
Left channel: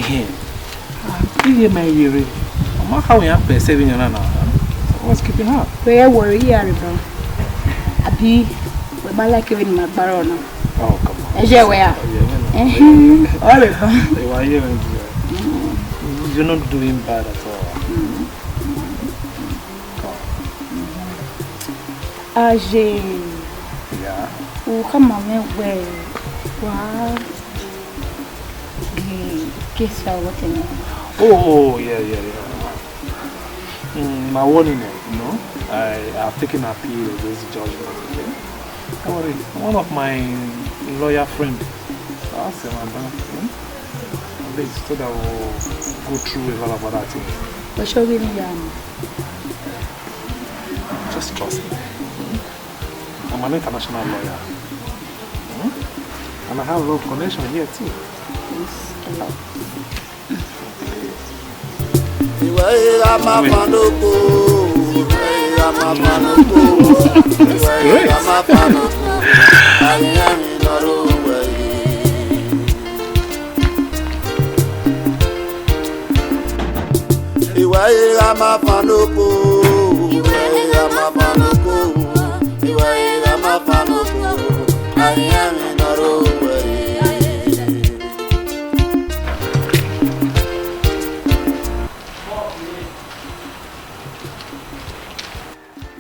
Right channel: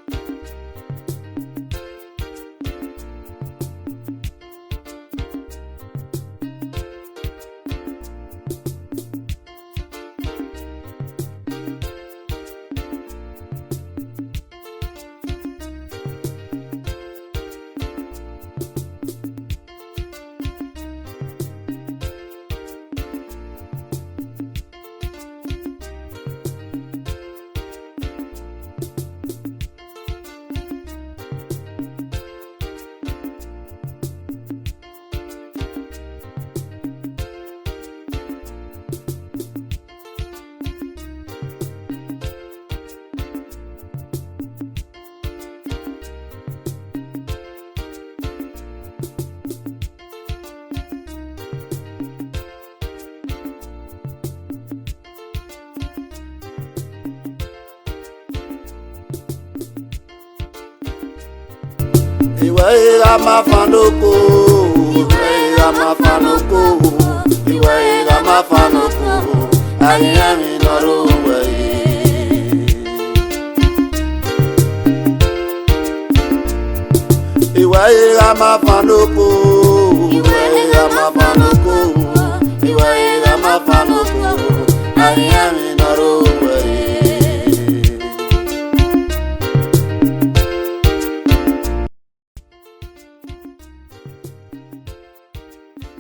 Here, my weary. How we have 7 years now. What's keeping her? Where worry, bro? Abi, we like you in my barona. Oh, come on. Yeah, we are. You're not doing bad at all. Yeah. Oh, come on, where? Wow. Guess what? Oh, yeah. My warning, you know, I've taken appeal of this judgment. Don't worry, one of my lawyer friends, asked him so that we'll go through a lot about that thing. But show me just trust me. I'm an international lawyer. And I have a lot of connection here too. Ehimwenmaofficial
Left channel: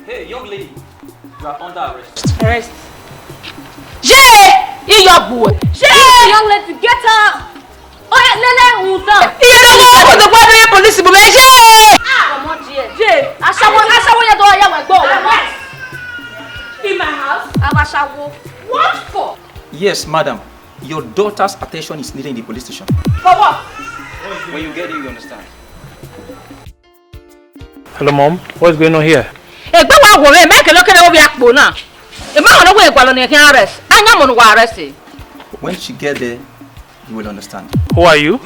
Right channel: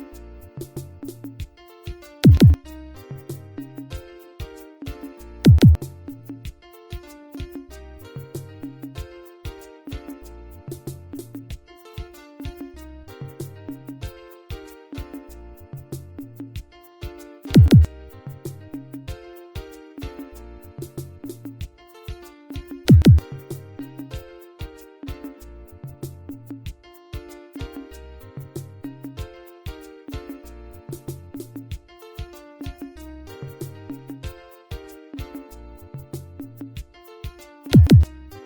Hey, young lady, you are under arrest. Arrest. Jay, you your boy. Jay, young lady, get up. Oh yeah, Lele, who's up? You don't go to the border police, but Jay. Come on, Jay. I saw you do your go. In my house, I'm a shawo. What for? Yes, madam. Your daughter's attention is needed in the police station. For what? When you get it, you understand. Hello, Mom. What's going on here? Hey, go on, woman. Make a look at over your now. The man on the way, while you can arrest. I am on the arrest. When she gets there, you will understand. Who are you?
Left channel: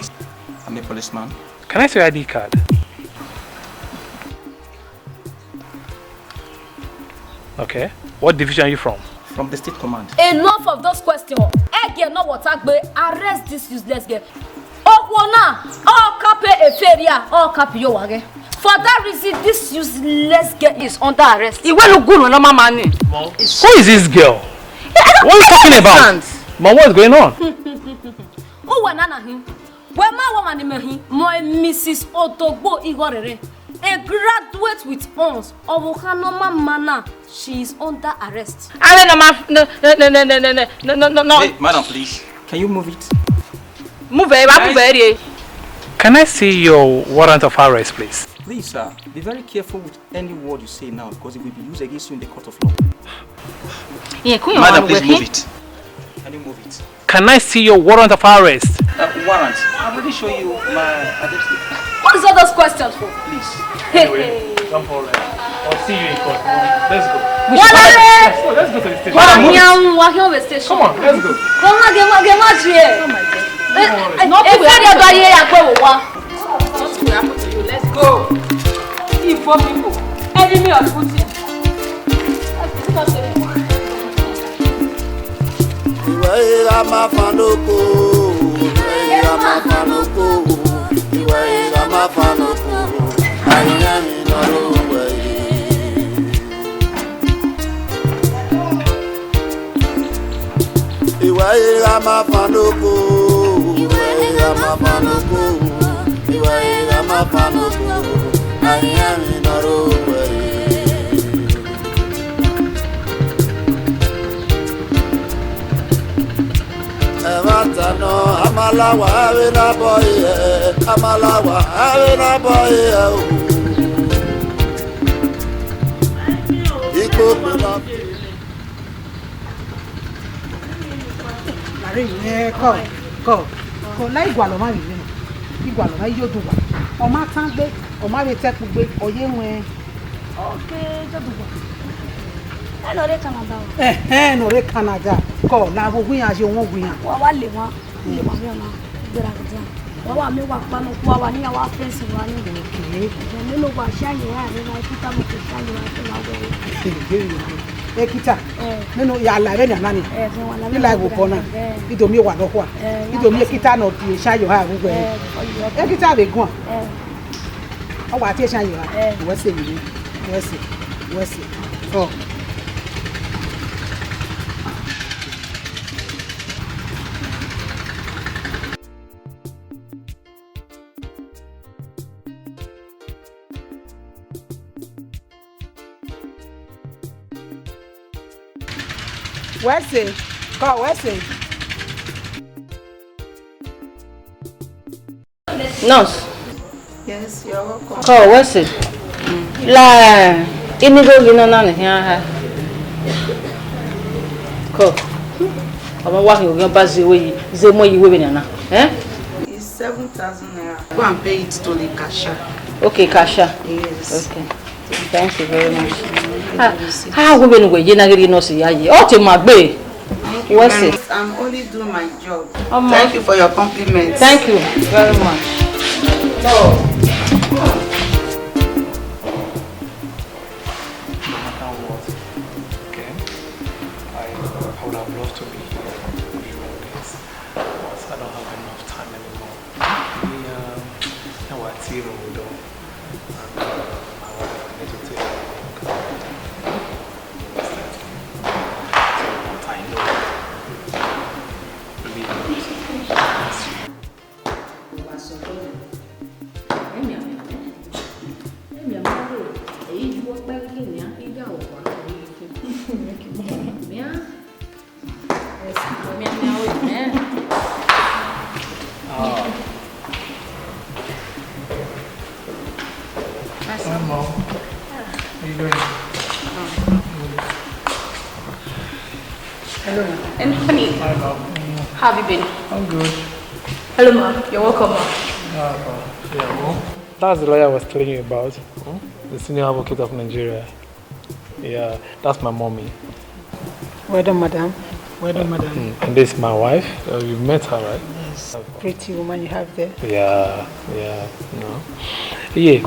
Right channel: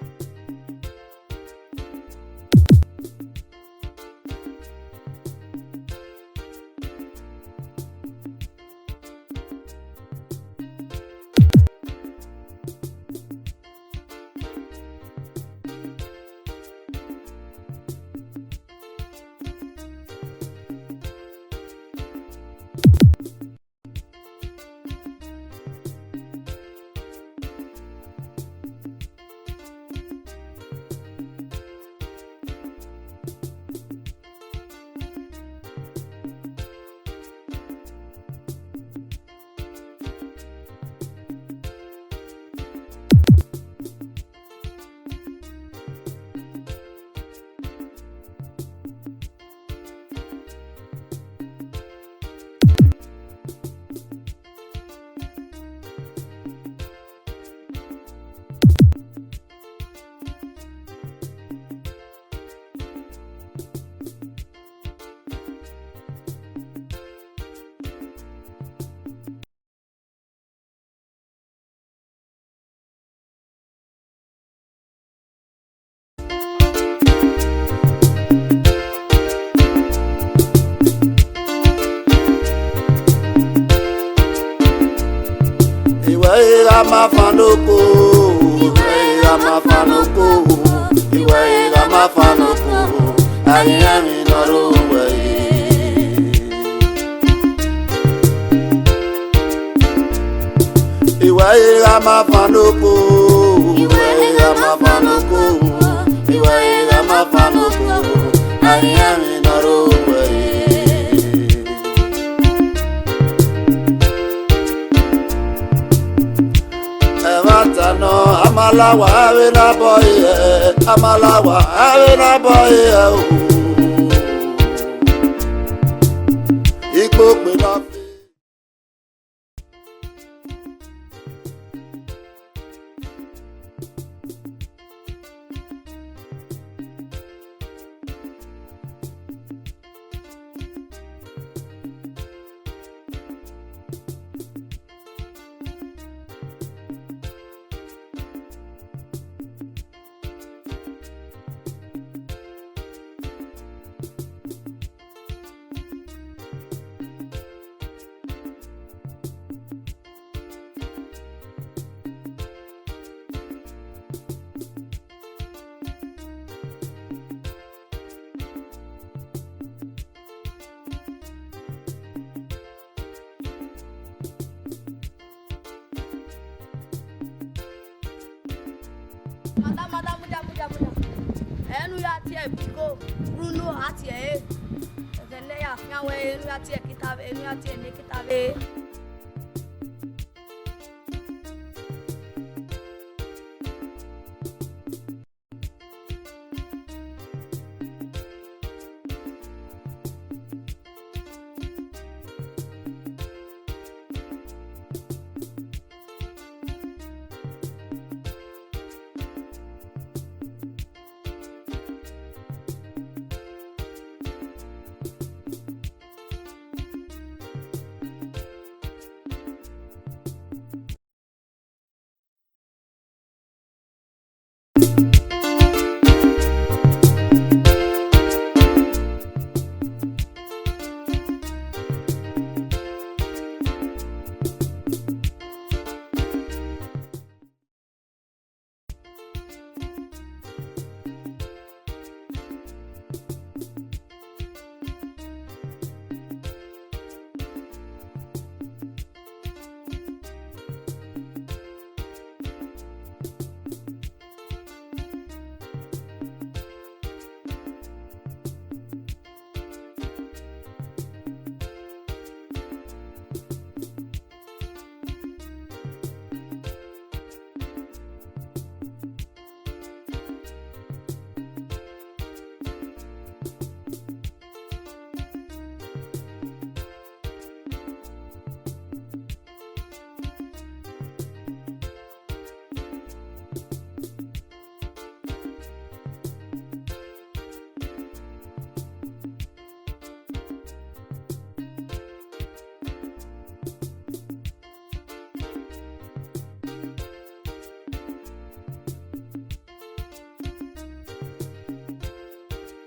I'm a policeman. Can I see your ID card? Okay. What division are you from? From the state command. Enough of those questions. Again, no what arrest this useless girl. For that reason, this useless girl is under arrest. Who is this girl? What are you talking about? Mom, what's going on? Mrs. Otogbo Igorere, a graduate with honors of Okanoma Manor, she is under arrest. No. Hey, madam, please. Can you move it? Move it. Can I see your warrant of arrest, please? Please, sir, be very careful with any word you say now because it will be used against you in the court of law. Madam, please move it. Can you move it? Can I see your warrant of arrest? Warrant. I've already shown you my identity. What is all those questions for? Please. Anyway, don't worry. I'll see you in court. Let's go. Let's go to the station. Come on, let's go. Let's go. Enemy of Putin. Ehimwenmaofficial Amalawa avena boy Iko pena Go. Like Gualoma, Igualoma, you do what? Or my tongue, or my attack with Oyemwe. Okay, I know they come about. No, they Canada. Go, now we as you won't win. Well, I live one. Well, I may walk one of our near our friends in one day. You know what, shiny, I put up with the shiny. Ekita. No, ya la venya nani. Ila go pona. Ido mi wa lo kwa. Ido mi ekita no ti sha yo ha go. Ekita be gun. O wa ti sha yo ha. We se mi. We se. Oh. Where's it? God, where's it? Nurse. Yes, you're welcome. Oh, where's it? La, ini go gina na here. Ko. Omo wa ki ogan bazi we ze mo yi we na. It's 7,000 naira. Go and pay it to the cashier. Okay, cashier. Yes. Okay. Thank you very much. How we been we na giri nurse ya yi. O ti ma gbe. What's it? I'm only doing my job. Thank you for your compliments. Thank you very much. Oh. And honey, how have you been? I'm good. Hello, ma'am. You're welcome, ma'am. Yeah, that's the lawyer I was telling you about. The senior advocate of Nigeria. Yeah, that's my mommy. Well done, madam. Well done, madam. And this is my wife. You've met her, right? Yes. Pretty woman you have there. Yeah. No. Yeah.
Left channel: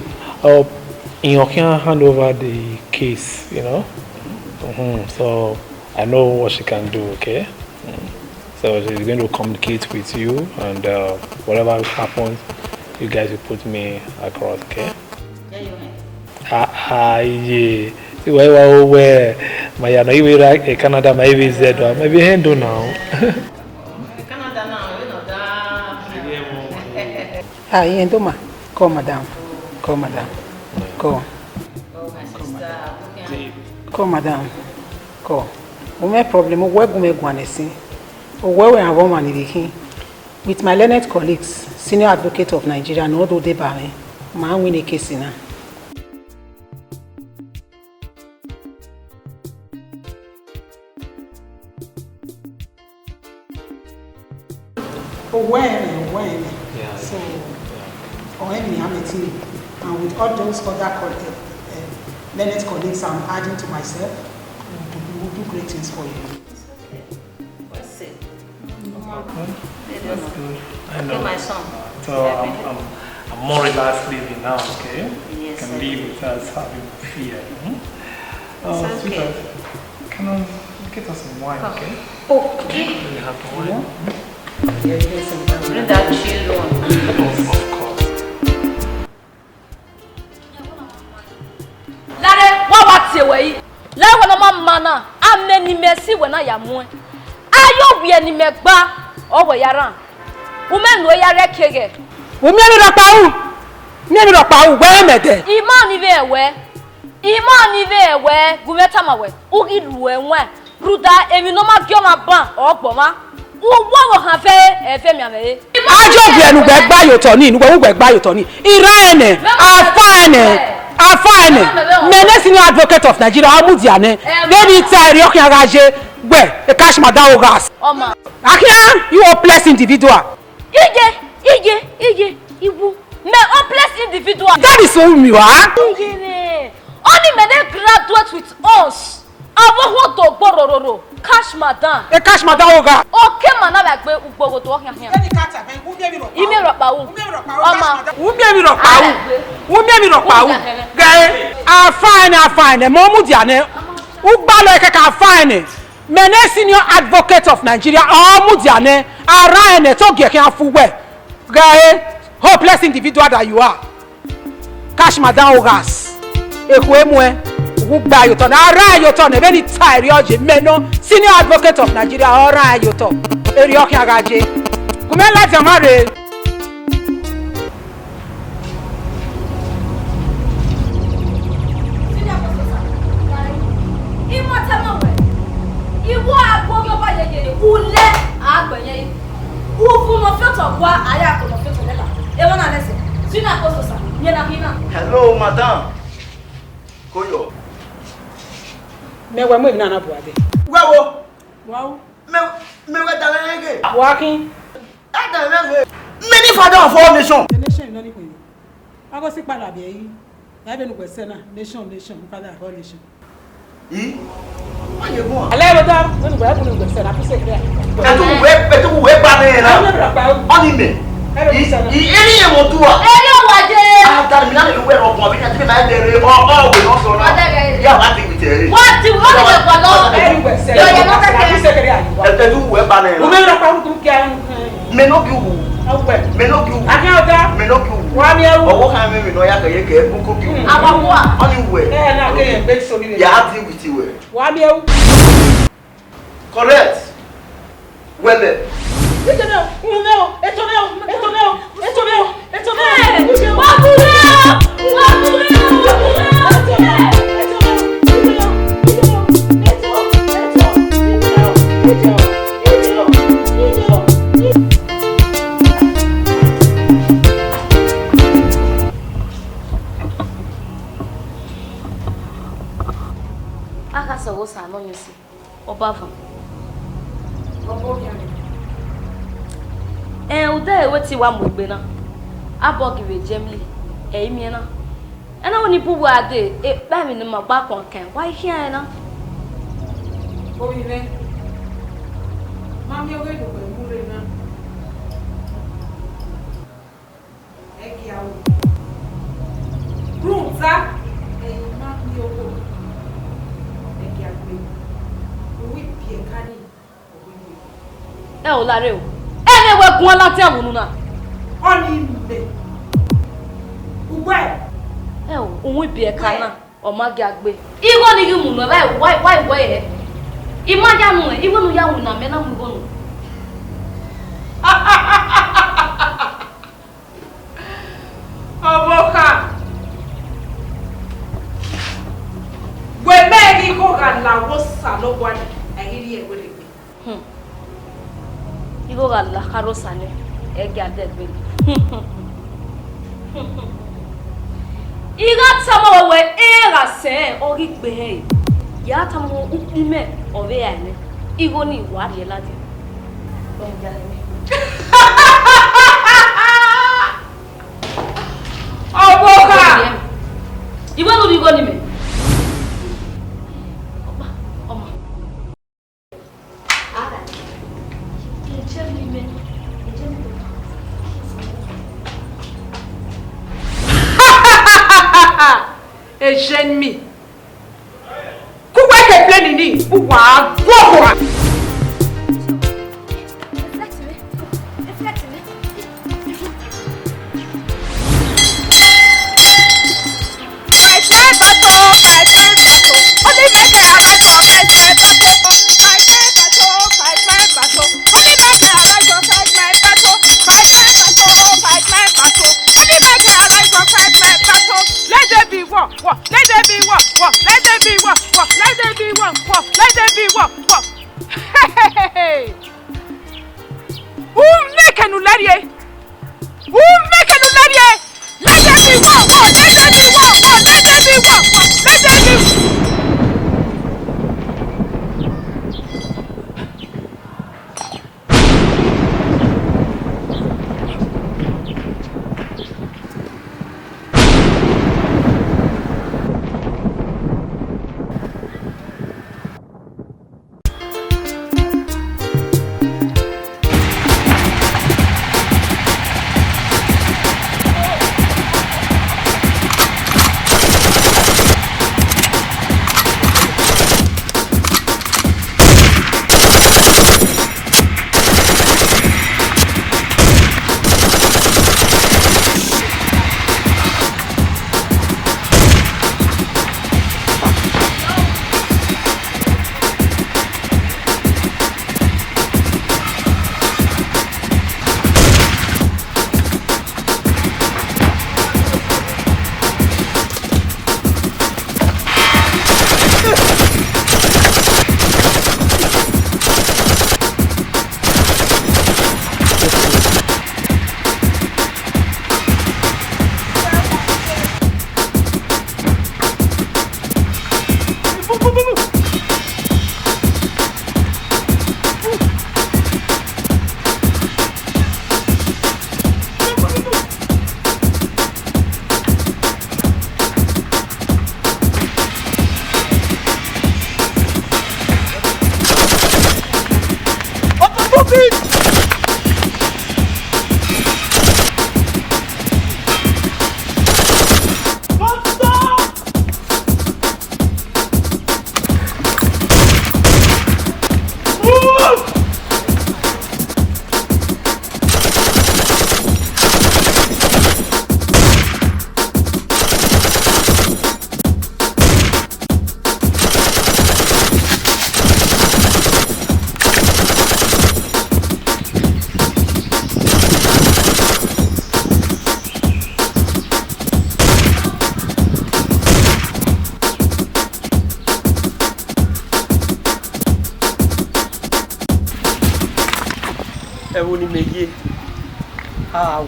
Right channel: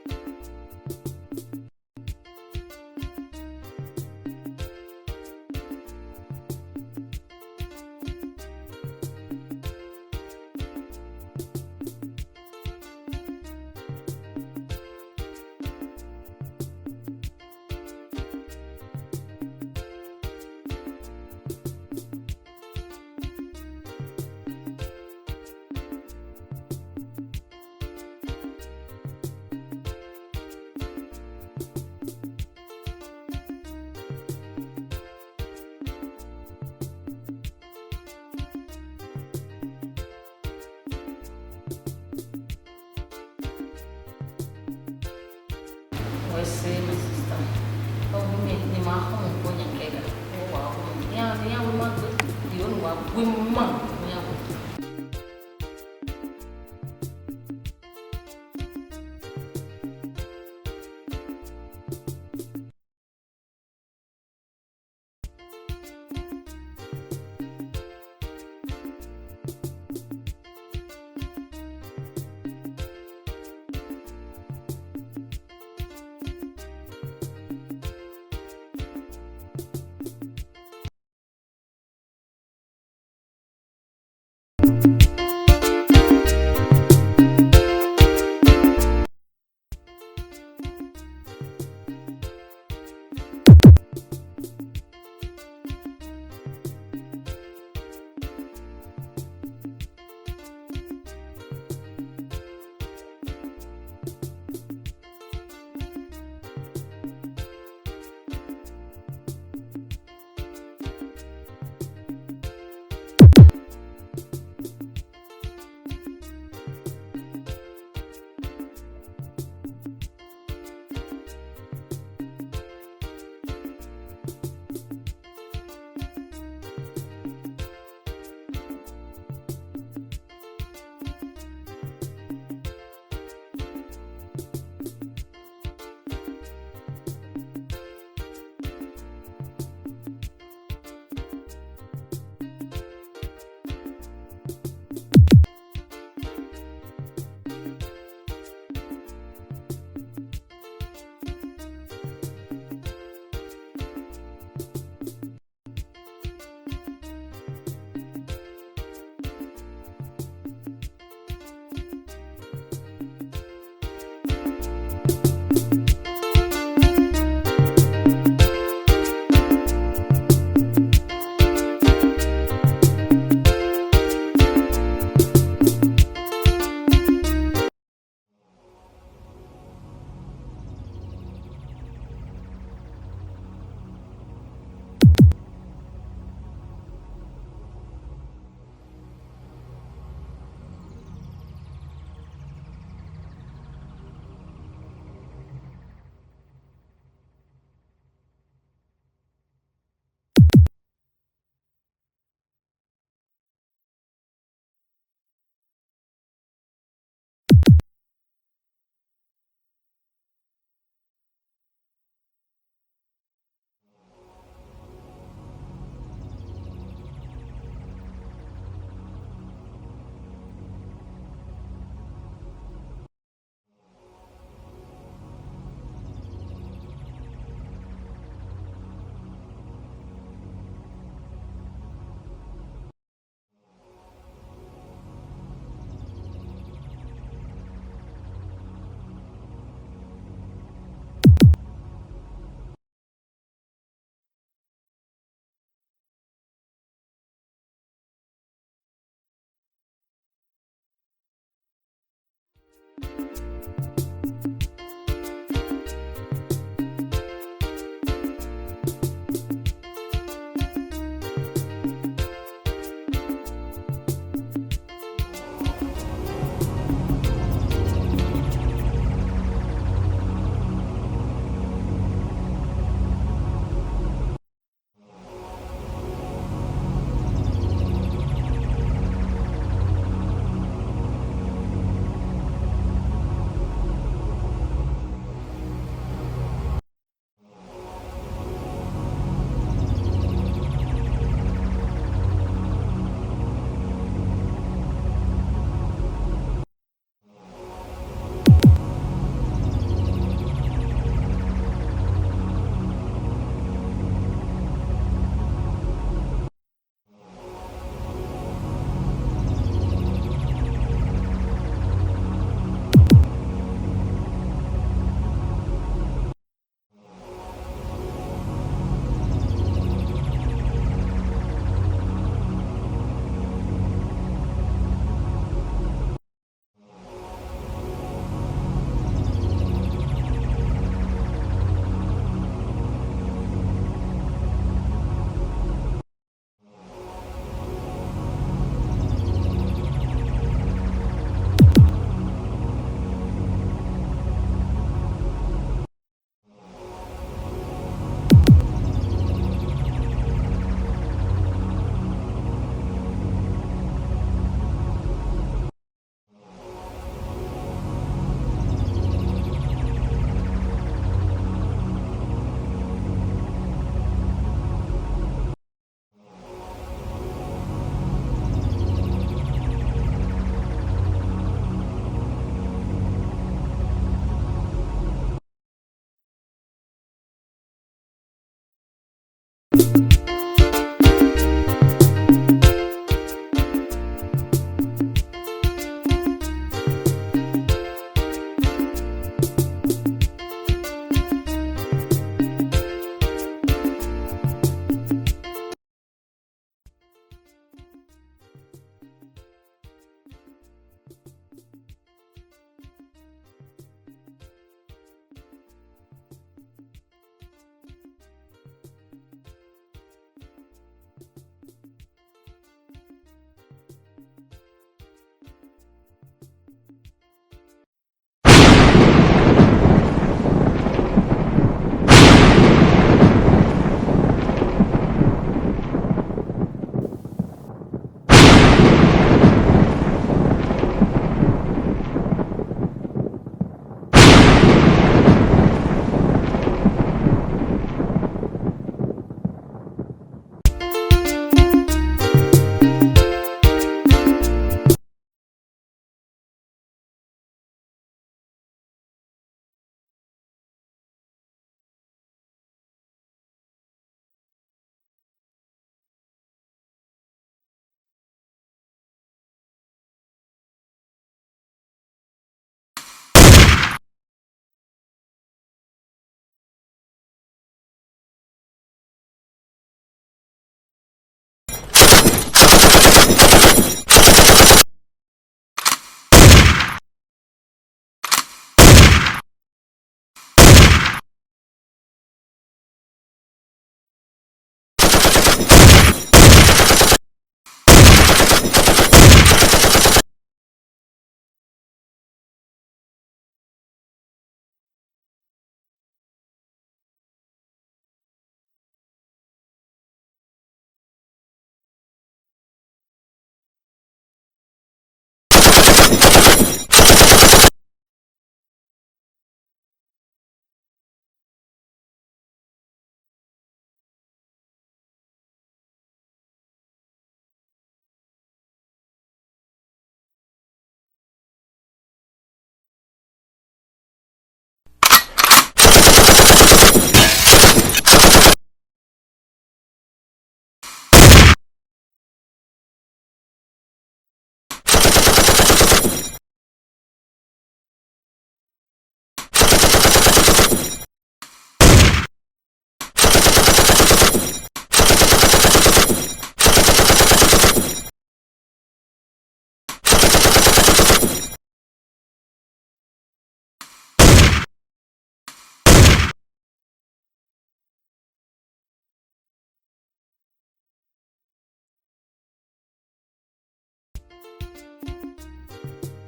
You can hand over the case, you know. So I know what she can do, okay? So she's going to communicate with you, and whatever happens, you guys will put me across, okay? Yeah. Where my Canada, maybe Z, maybe handle now. Canada now, you know that. Yendoma. Call madam. Call madam. Call. Call madam. Call. No problem. Where go me guanesi? Where we have woman in with my learned colleagues, senior advocate of Nigeria, no do they buy me. Man win a case in her. When? Yeah. So, when we have a team, and with all those other learned colleagues I'm adding to myself, we'll do great things for you. That's good. I know. My son. So I'm more relaxed living now, okay? Yes, can live without having fear. Sweetheart, can I get us some wine, okay? Okay. Do you have the wine? Mana, I'm many mercy when I am one. I be any megba over Yaran. Women no yare kege. Women are pau. Never a pau, where met it? Imani ve where, Gumetamawe, Ugi Ruenwe, Ruda, Eminoma Gioma Ban or Boma. Who have a family? I just went by your Tony, who went by your Tony. Irene, I find Menes senior advocate of Nigeria, Amudiane. Then it's a Ryokan where a cash madam gas. Oma. Akia, you are blessed individual. Ige, Ibu. Me hopeless individual. That is who you are. Only men graduate with us. I want to borrow cash madam. A cash madam oga. Okay, man, I like to walk here. You mean Rapau? Who gave me Rapau? Who gave me Rapau? I find a Momudiane. Ubalo Kaka fine. Mene senior advocate of Nigeria, Mudiane, Arane, Togekian Fuwe. Guy, hopeless individual that you are. Cash Madame Ogas. Ehimwenma, Uba Yoton, Ara Yoton, a very tired Meno, senior advocate of Nigeria, Ora Yoton, Erioka Gaji. Come on, let's marry. Hello, madam. Koyo. Me wa mo na buade. Wewo. Wow. Me dalenge. Walking. Dalenge. Many father of all nation. Nation no ni ko. Ago si pada be yi. Na be no kwese na nation father of all nation. Yi. Why you go? Ale wada, no go happen no kwese na pese kre. Etu we ba na. Oni me. Eri e mo tuwa. Eri o waje. After me na we ro bi na ti na dere o we no so na. Ya ba ti with eri. What ti o le ko lo. Eri kwese. Yo ye no ka pese kre ayi. Etu we ba na. O me ro pa ku ke an. Me no ki wu. Me no ki wu. Aka oga. Me no ki wu. Wa mi ewu. Owo kan me no ya ka ye ke ku ki wu. Abawo a. Oni we. Na ke yen be so ni. Ya ti with you. Wa mi ewu. Correct. Well. Eto meu. Akasa wo sa no nyusi. Obafa. Uda wati wa mugbe na. Abogi we jemi. Emi na. Ana woni bubu ade e ba mi no magba konkan. Why here na? Obi ne. Mami oge do ko na. Ruza. O lare o. Ene we gun ala te amunu na. Oni be. Uwe. O ohun bi e kana o ma gi agbe. Iwo ni gi mu no why e. Imaja nu e, iwo nu ya wu na me na mu go nu. Oboka. We me gi ko ga la wo sa lo kwa ni. Agiri e wele. Iwo ga la karo sani e ga de be. Iga tamo we era se ori gbe he. Ya tamo ukime ore ya ni. Iwo ni wa de la de. Oboka. Iwo no bigo ni me. Et j'ennemie. Pourquoi tu plein de nid? Pourquoi?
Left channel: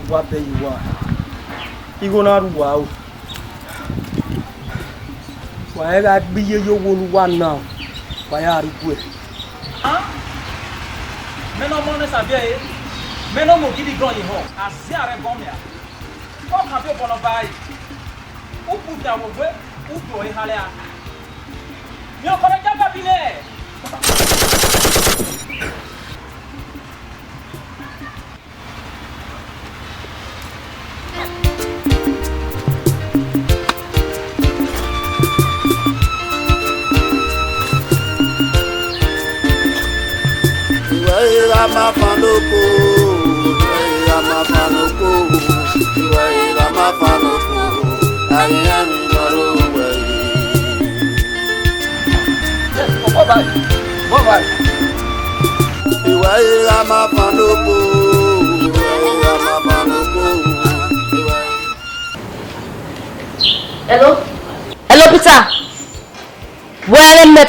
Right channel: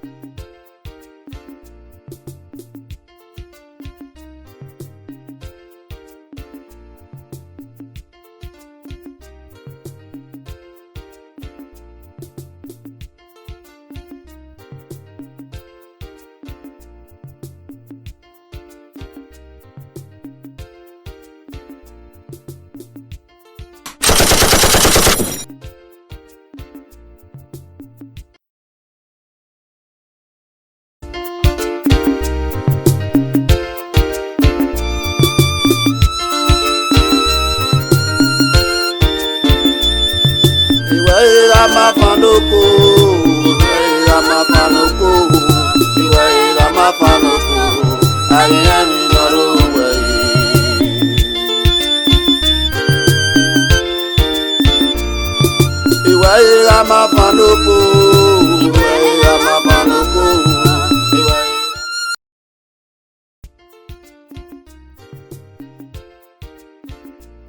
what you are. You go not wow. Why I be you one now? Why are you good? Men of money are there. Men of money give you ground in home. I see a bomber. What have you gonna buy? Who put down away? Who do a halia? You're gonna jump up in there. Amanafanoko, Amanafanoko, Amanafanoko, I am in Norway. Amanafanoko, Amanafanoko. Hello? Hello, Peter. Where am I?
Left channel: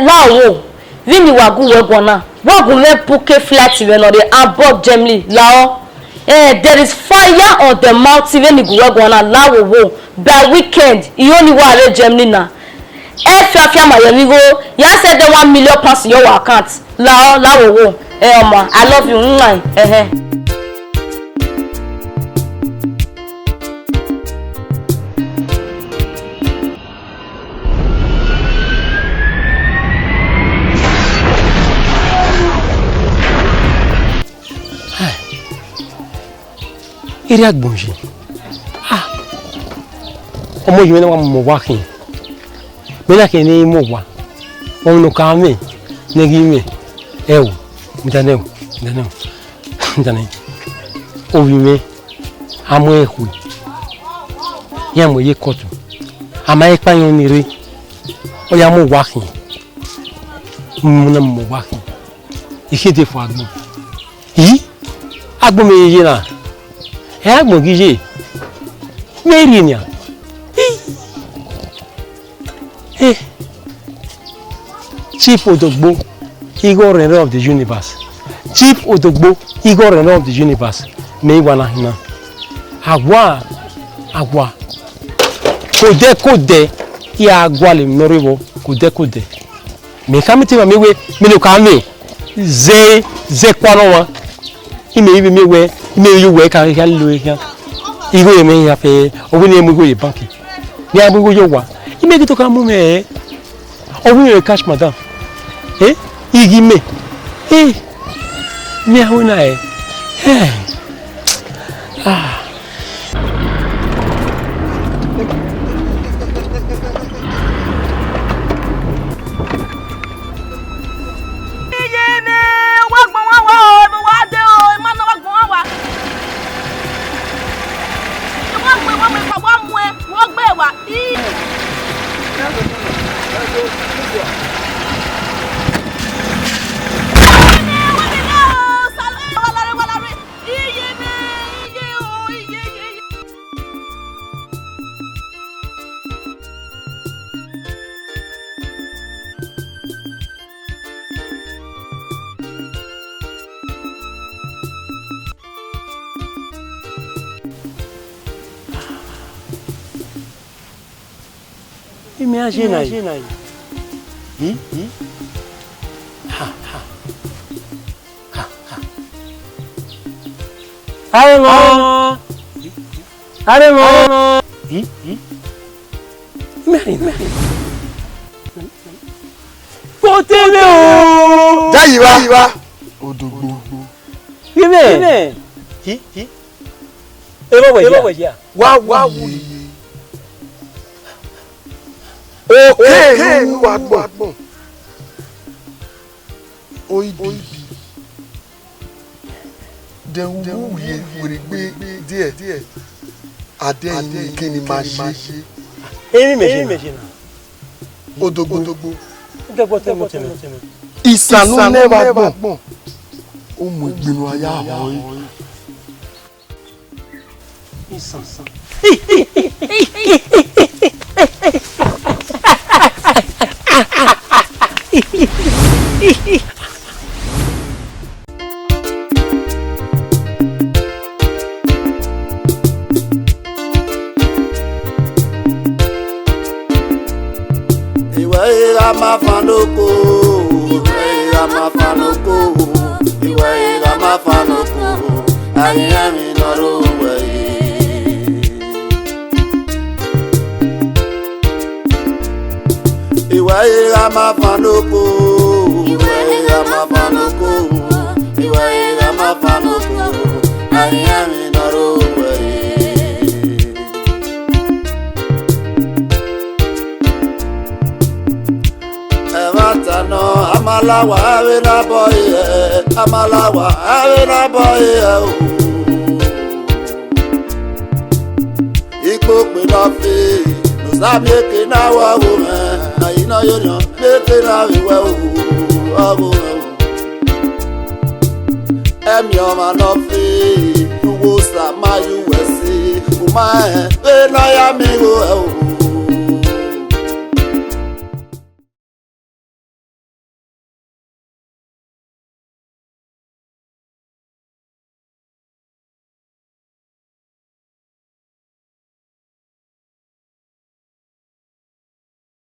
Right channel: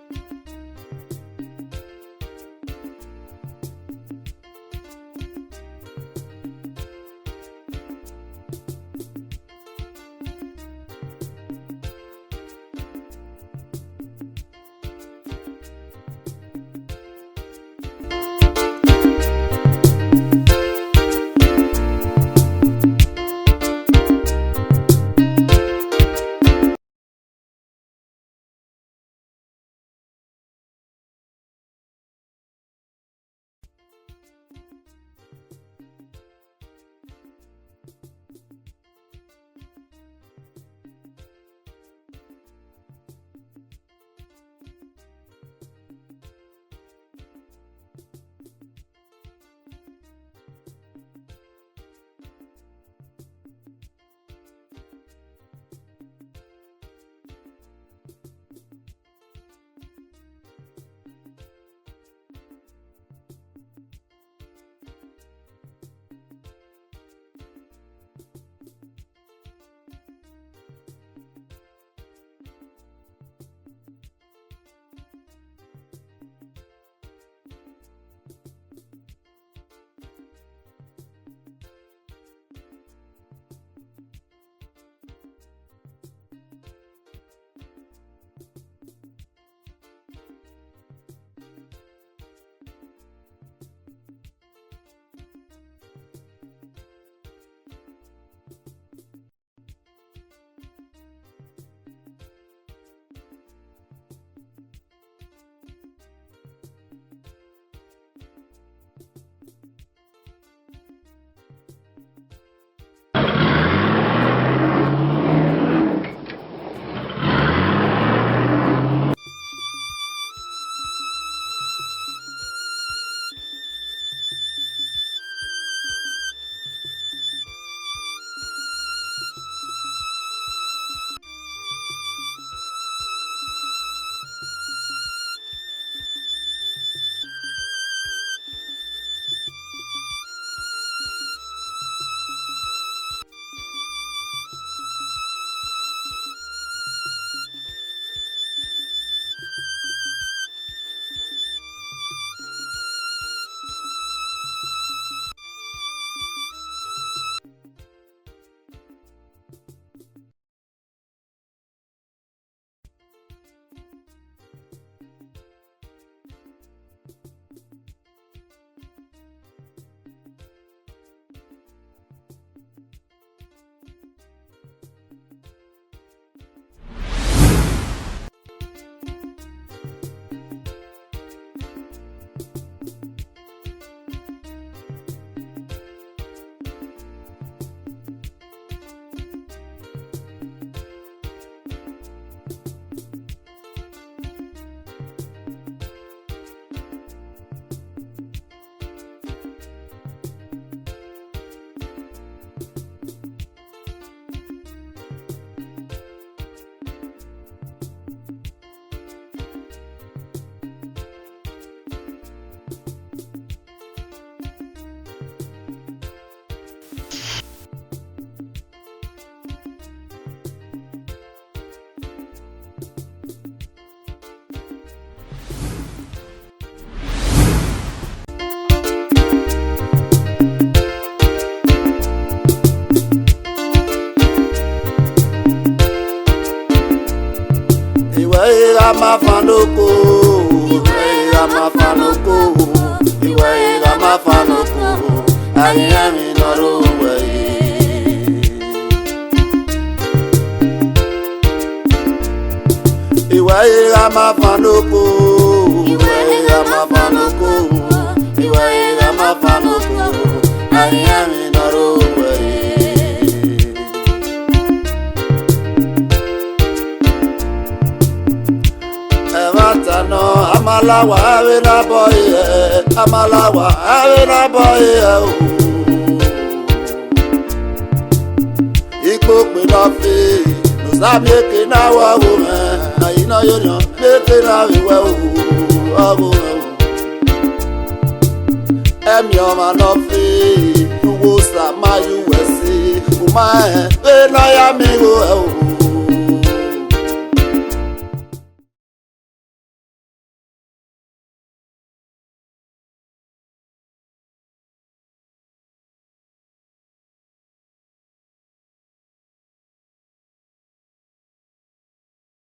Now. Vini wagu wegwana wagu me puke flat when on the above gemly lao there is fire on the mountain when you wegwana lao wo by weekend you only wale gemly na fia my yemigo ya said the 1 million pounds in your account lao wo oma I love you Iri agbonji. Ọmọ yìí na wa mo wa kin. Me na ke ni mo wa. Wọ́n no ka me. Negi me. Ewo. Mitanewo. Mitanewo. Owi me. Amo ehu. Ya mo ye kotu. Ama e pan ni re. O ya mo wa kin. Mo na mo wa kin. Ikete fo agbon. Yi? Agbon me ye na. Agbon gije. Meri ni a. Chief Odogbo, Igor Renner of the universe. Chief Odogbo, Igor Renner of the universe. Me wana hina. Agwa. Kode. Ya agwa le moribo. Kode. Me kamiti ma mewe. Me no kame. Ze kwano wa. Ime ibe mewe. Ime yuwe ka lu ya. Igo ye me ya fe. Obi ni emu go ye banki. Ni abu go yo wa. Ime ki to ka mu me. Obi ye cash madam. Igi me. Mi ahuna Imagina aí. Aremo. Imagina. Potele o. Jayiwa. Odogbo. Yime. Ero weja. Wa. Okay, wa gbon. Oyibi. Den wu ye were gbe díẹ̀. Ade yin kini ma ṣe. Emi meje. Odogbo. Odogbo temo. Ìsànú never gbon. Ó mú ìgbìnú aya àwọn yìí. Ìsànsán. Amanafanoko, Amanafanoko, Amanafanoko, Ehimwenma. Amanafanoko, Amanafanoko, Amanafanoko, Ehimwenma. No, Amalawa, Avena boy, Amalawa, Avena boy. Equal with our fee, no stop making our woman. Now you know you're not making our well. I'm your man of fee, who will stop my USC, who my, when I am able.